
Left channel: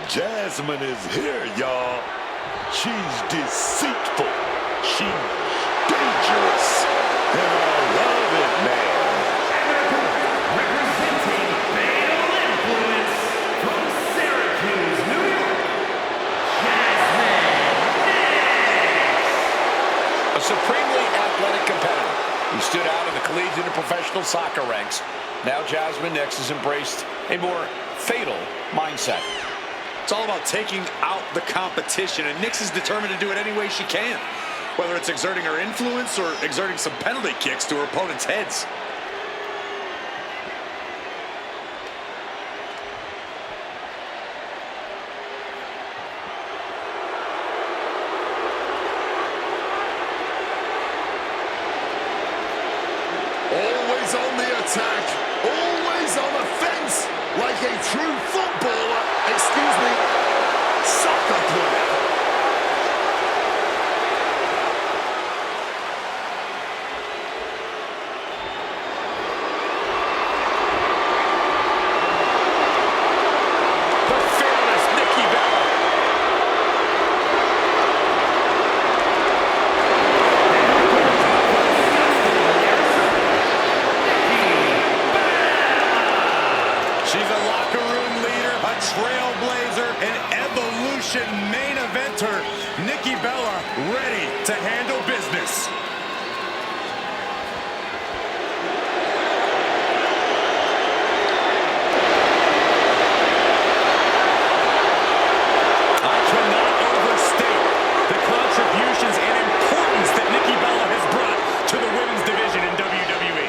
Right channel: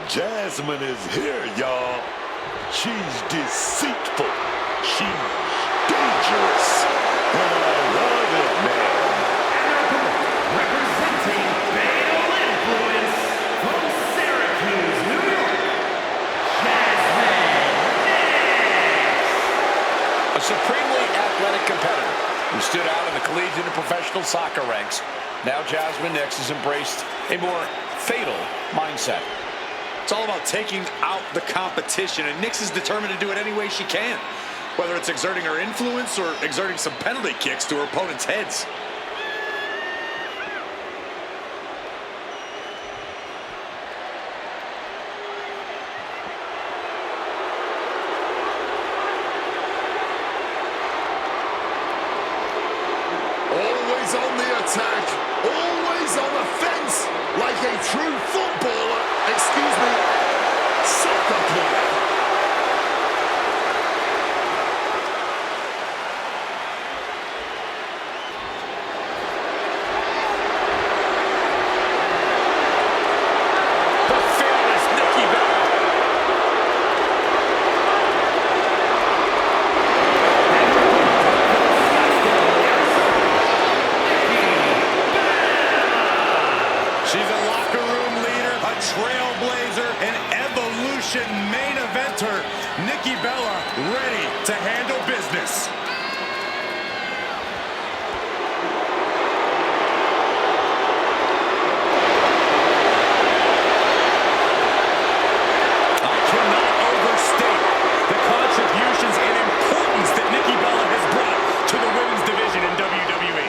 Jasmine is here, y'all. She's deceitful. She's dangerous. And I love it, man. And their opponent, representing Fatal Influence from Syracuse, New York, Jasmine Nix. A supremely athletic competitor who stood out in the collegiate and professional soccer ranks. Now Jasmine Nix has embraced a more fatal mindset. It's all about taking out the competition, and Nix is determined to do it any way she can, whether it's exerting her influence or exerting some penalty kicks to her opponent's heads. Always on the attack, always on offense, like a true footballer, excuse me, soccer player. The fearless Nikki Bella. She's a locker room leader, a trailblazer, an evolution main eventer. Nikki Bella ready to handle business. I cannot overstate the contributions and importance that Nikki Bella has brought to the women's division in WWE.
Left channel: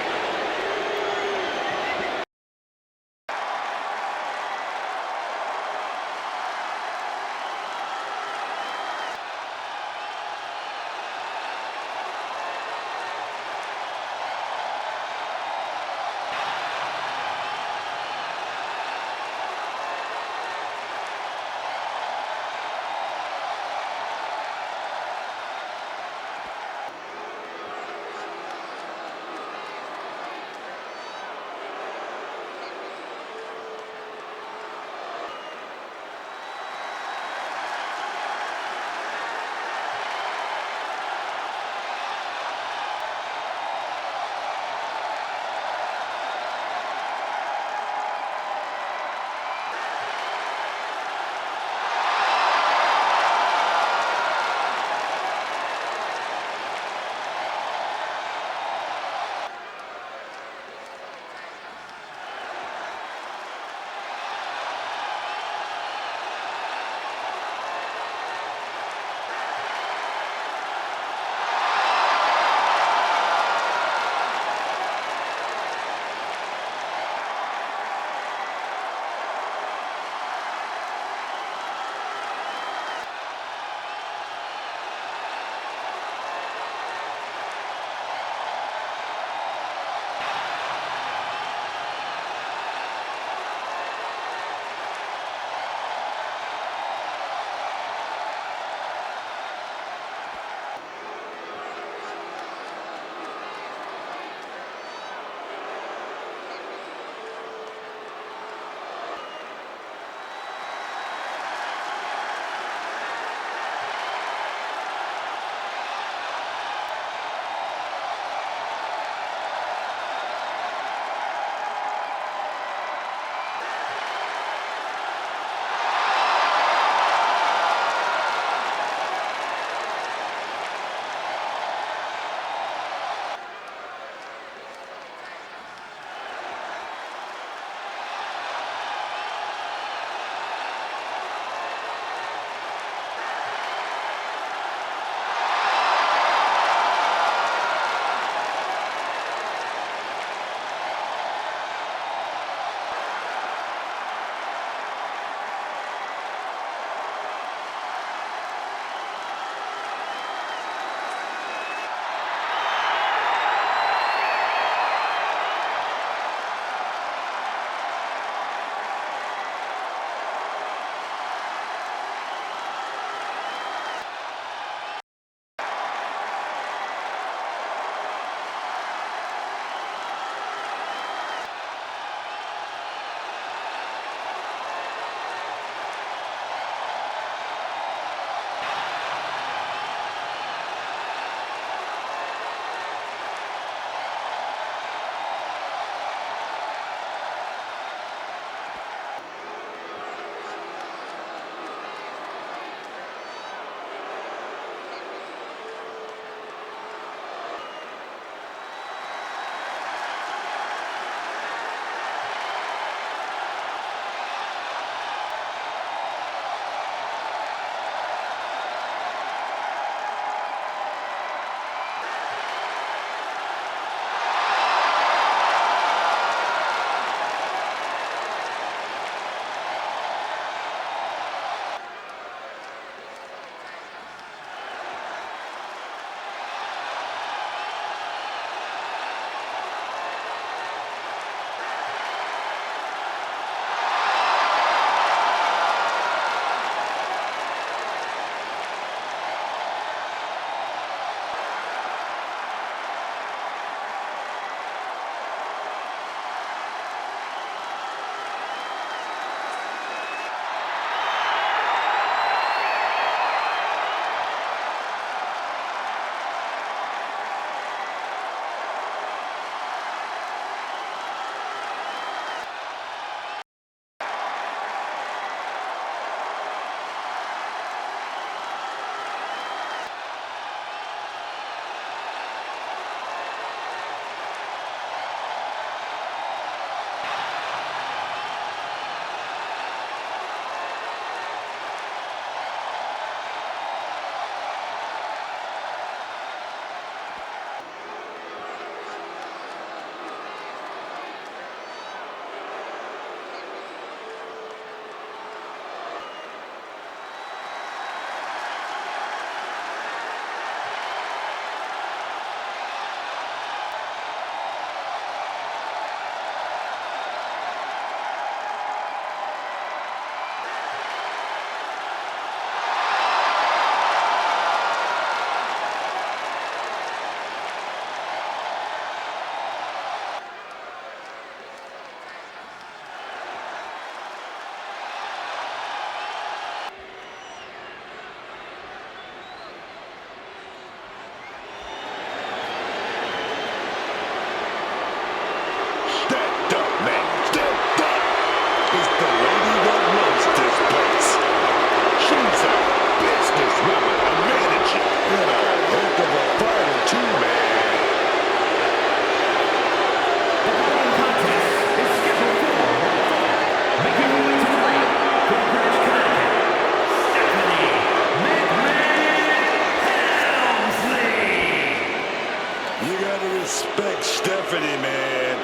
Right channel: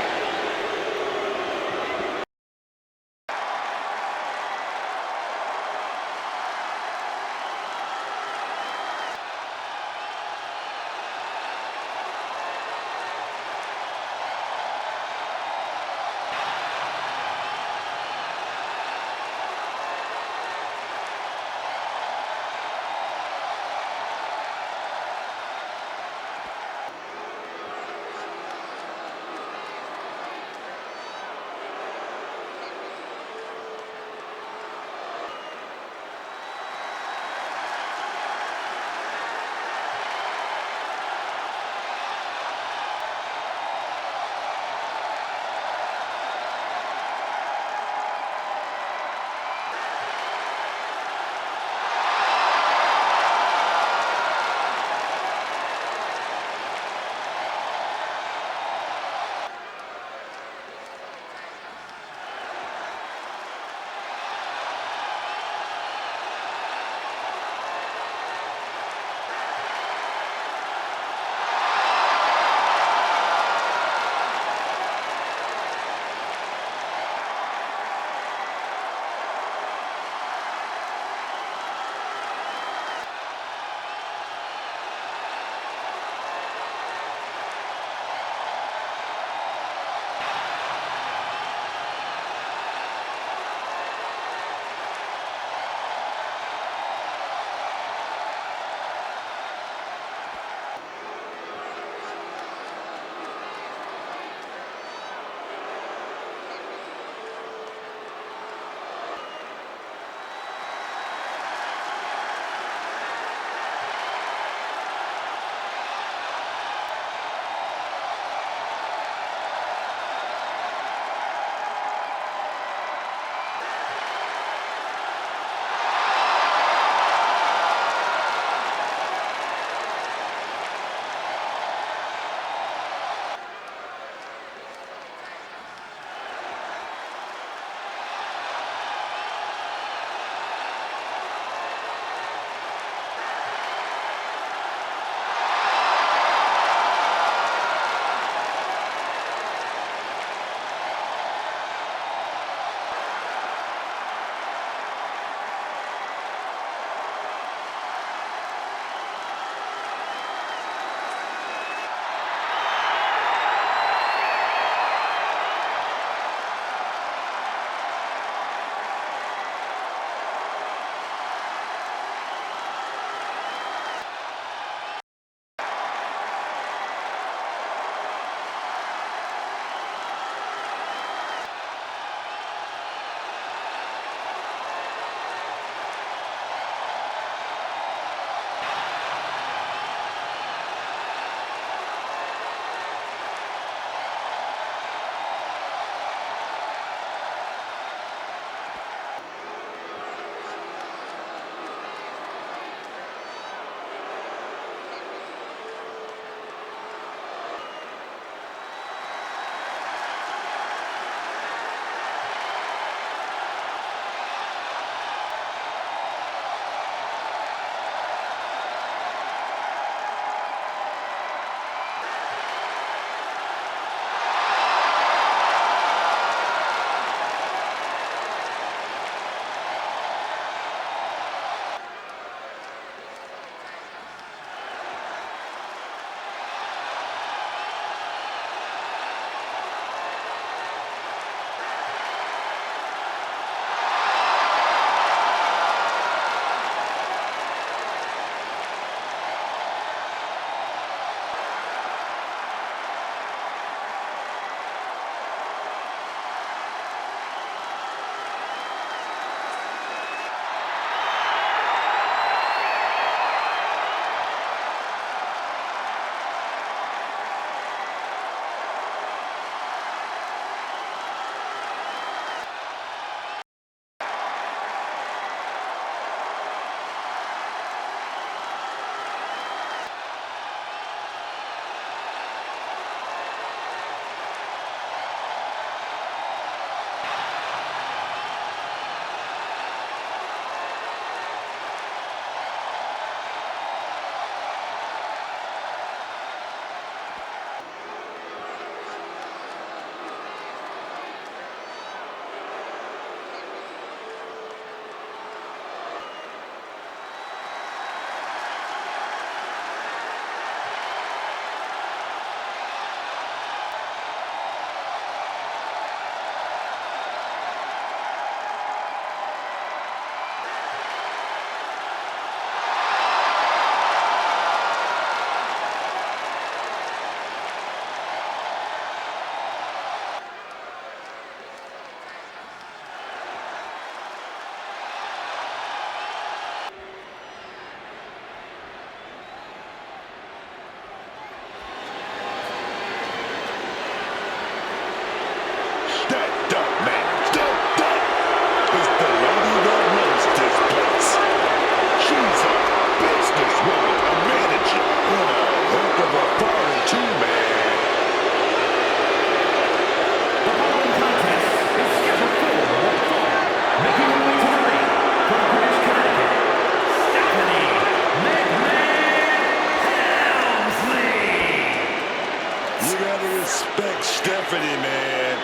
pretty, man.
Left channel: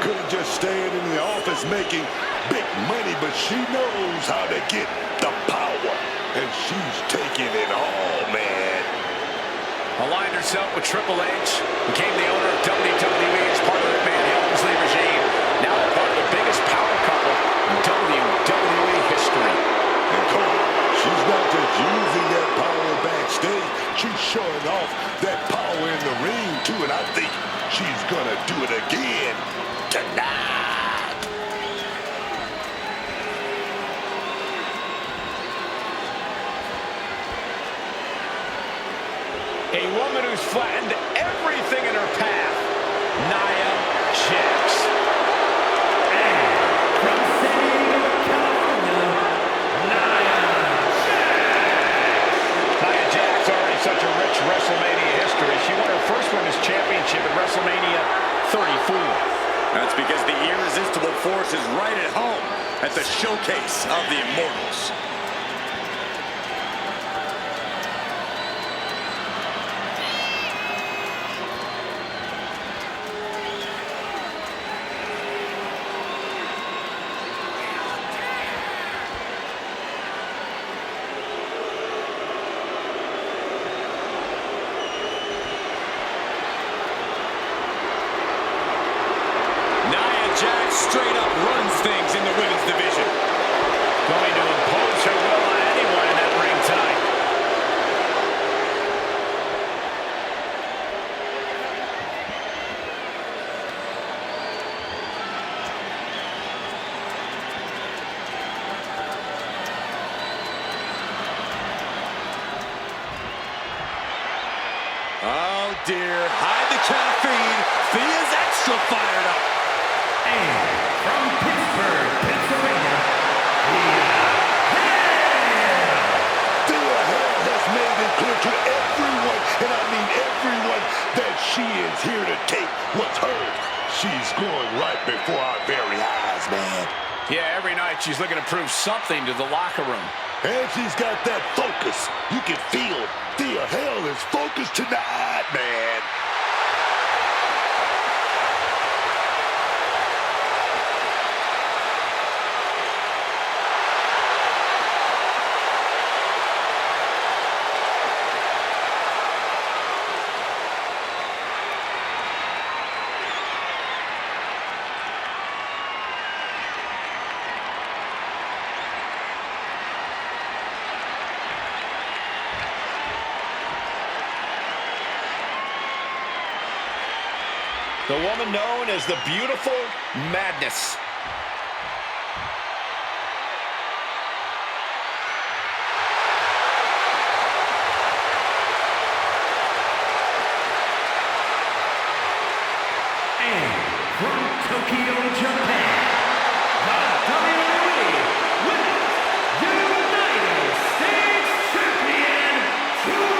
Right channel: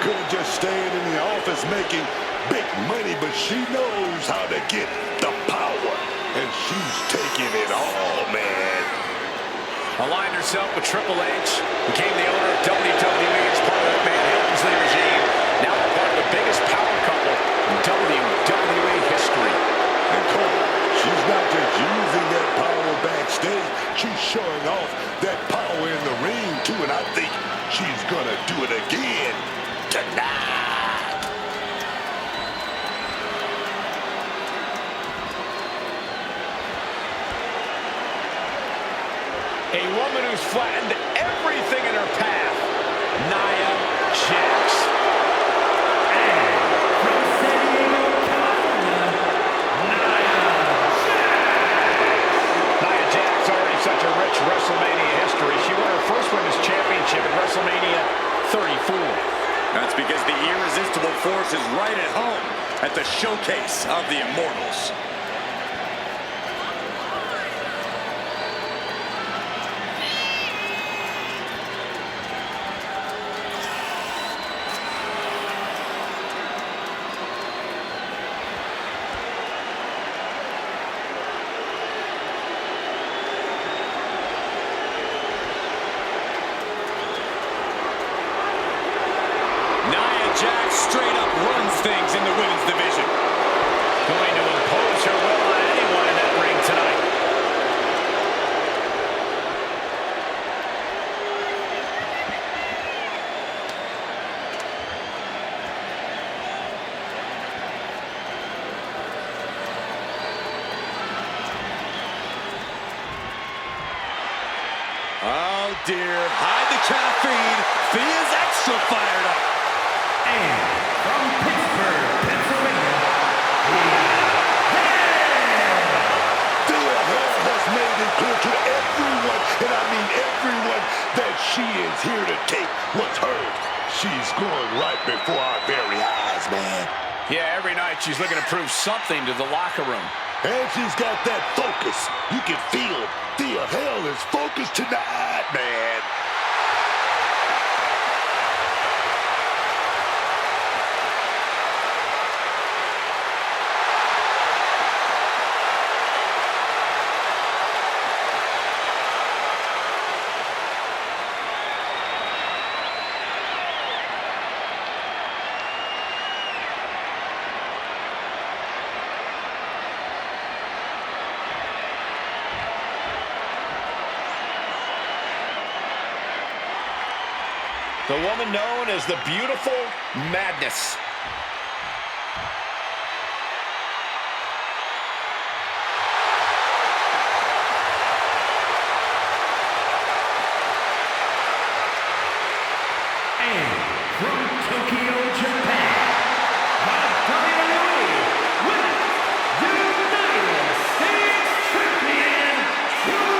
Could have just stayed in the office making big money, but she knows how to get the power, and she's taking it all, man. Aligned herself with Triple H, became the owner of WWE as part of the McMahon Helmsley regime. Now they're part of the biggest power couple in WWE history. And Cole, she's not just using that power backstage, she's showing off that power in the ring too, and I think she's gonna do it again tonight. A woman who's flattened everything in her path, Nia Jax. And from San Diego, California, Nia Jax. Nia Jax, already such a rich WrestleMania history. She won her first women's championship at WrestleMania 34. That's because the irresistible force is right at home at the showcase of the Immortals. Nia Jax straight up runs things in the women's division. Going to impose her will on anyone in that ring tonight. Oh dear, hide the caffeine. Thea's extra fired up. And from Pittsburgh, Pennsylvania, Thea Hale. Thea Hale has made it clear to everyone, and I mean everyone, that she is here to take what's hers. She's going right before our very eyes, man. Yeah, every night she's looking to prove something to the locker room. And she's got that focus. You can feel Thea Hale is focused tonight, man. The woman known as the Beautiful Madness. And from Tokyo, Japan, the WWE Women's United States Champion, Julia.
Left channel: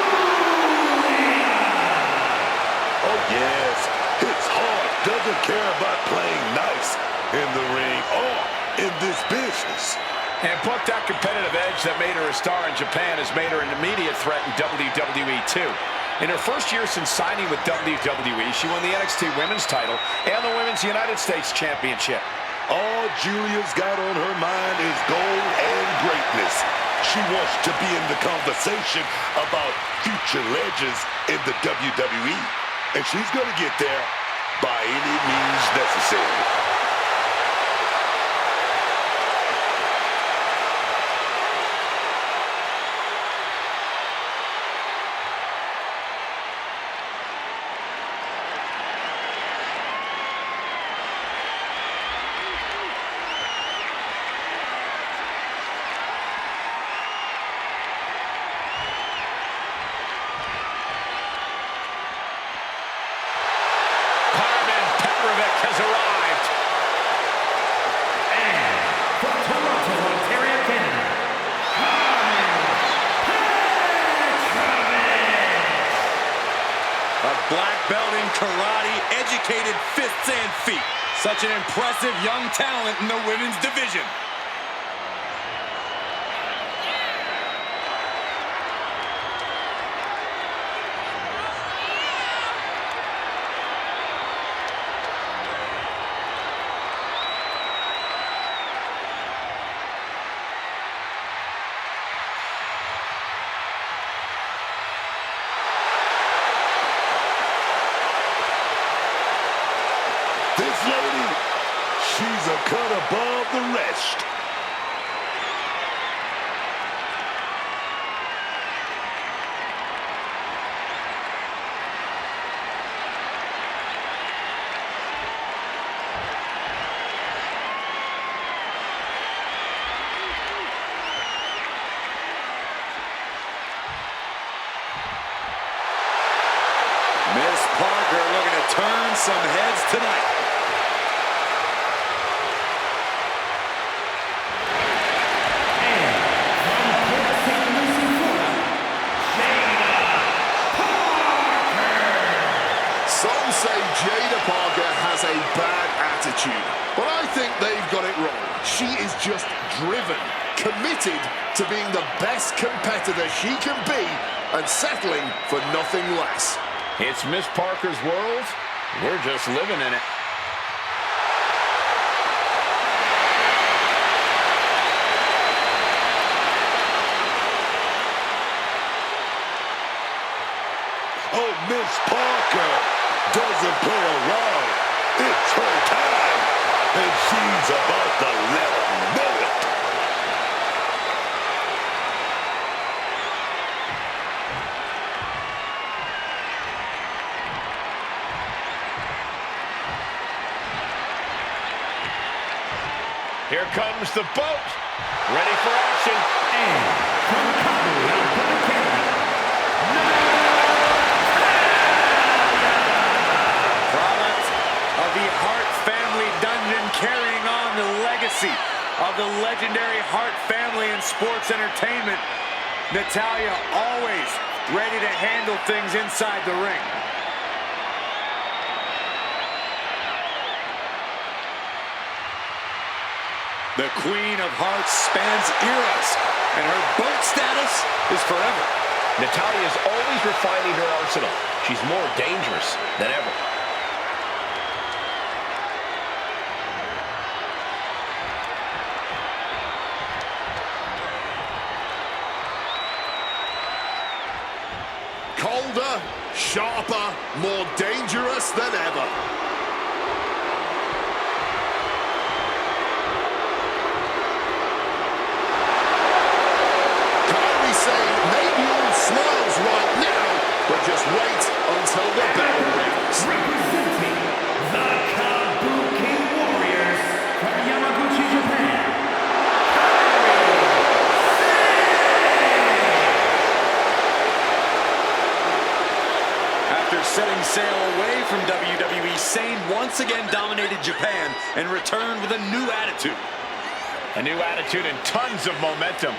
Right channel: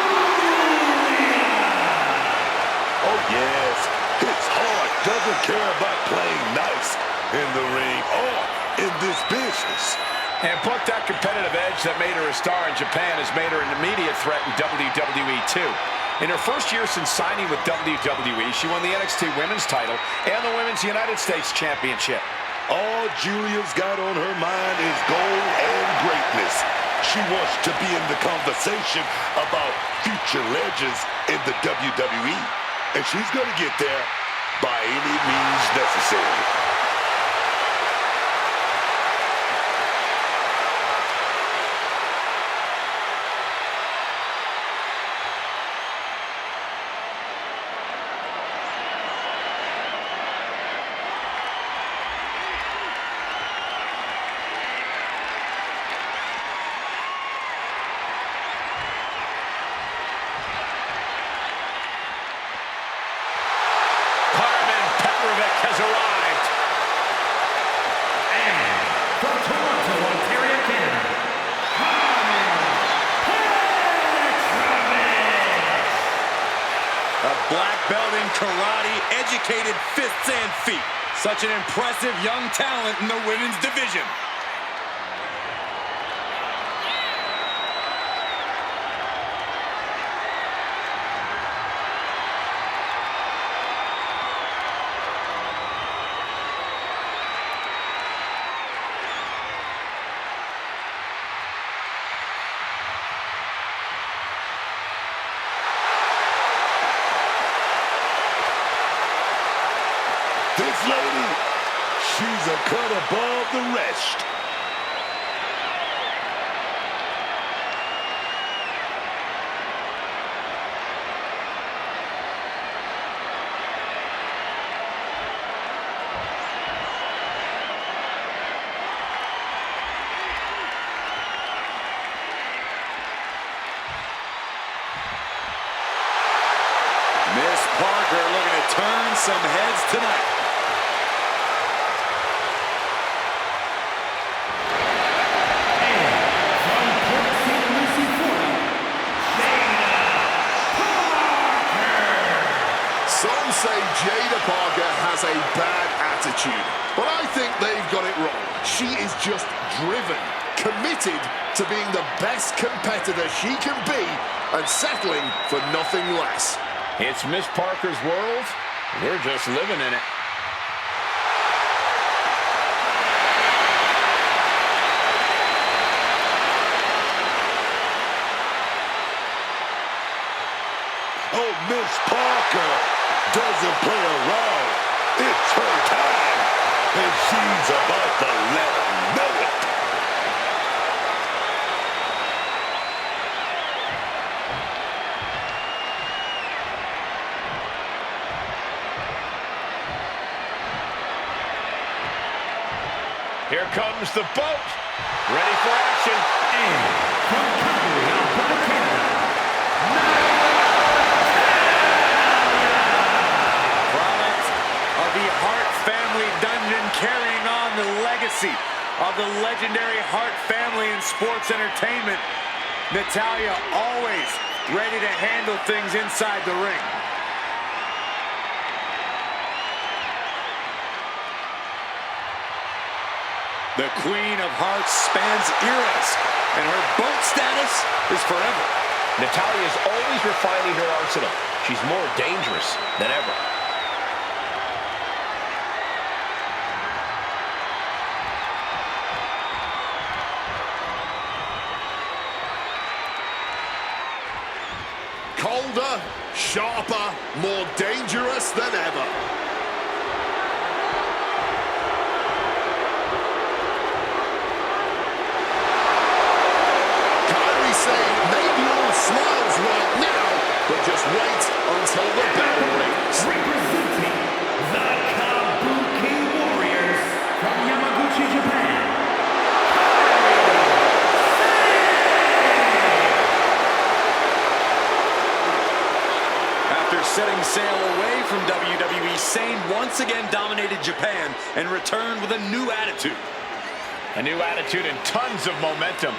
Oh, yes. Hits hard. Doesn't care about playing nice in the ring or in this business. And put that competitive edge that made her a star in Japan has made her an immediate threat in WWE too. In her first year since signing with WWE, she won the NXT Women's title and the Women's United States Championship. All Julia's got on her mind is gold and greatness. She wants to be in the conversation about future legends in the WWE. And she's going to get there by any means necessary. Has arrived. And from Toronto, Ontario, Canada, Carmen Petrovich. A black belt in karate, educated fists and feet. Such an impressive young talent in the women's division. this lady? She's a cut above the rest. Miss Parker looking to turn some heads tonight. And from Port St. Lucie, Florida, Jada Parker. Some say Jada Parker has a bad attitude, but I think they've got it wrong. She is just driven, committed to being the best competitor she can be and settling for nothing less. It's Miss Parker's world. We're just living in it. Oh, Miss Parker doesn't play around. It's her time, and she's about to let them know it. Here comes the boat. Ready for action. And from Calgary, Alberta, Canada, Product of the Hart family dungeon, carrying on the legacy of the legendary Hart family in sports entertainment. Natalya always ready to handle things inside the ring. The Queen of Hearts spans eras, and her boat status is forever. Natalya is always refining her arsenal. She's more dangerous than ever. Colder, sharper, more dangerous than ever. Saying maybe all smiles right now, but just wait until the bell rings. representing the Kabuki Warriors from Yamaguchi, Japan, After setting sail away from WWE, Sane once again dominated Japan and returned with a new attitude. A new attitude and tons of momentum.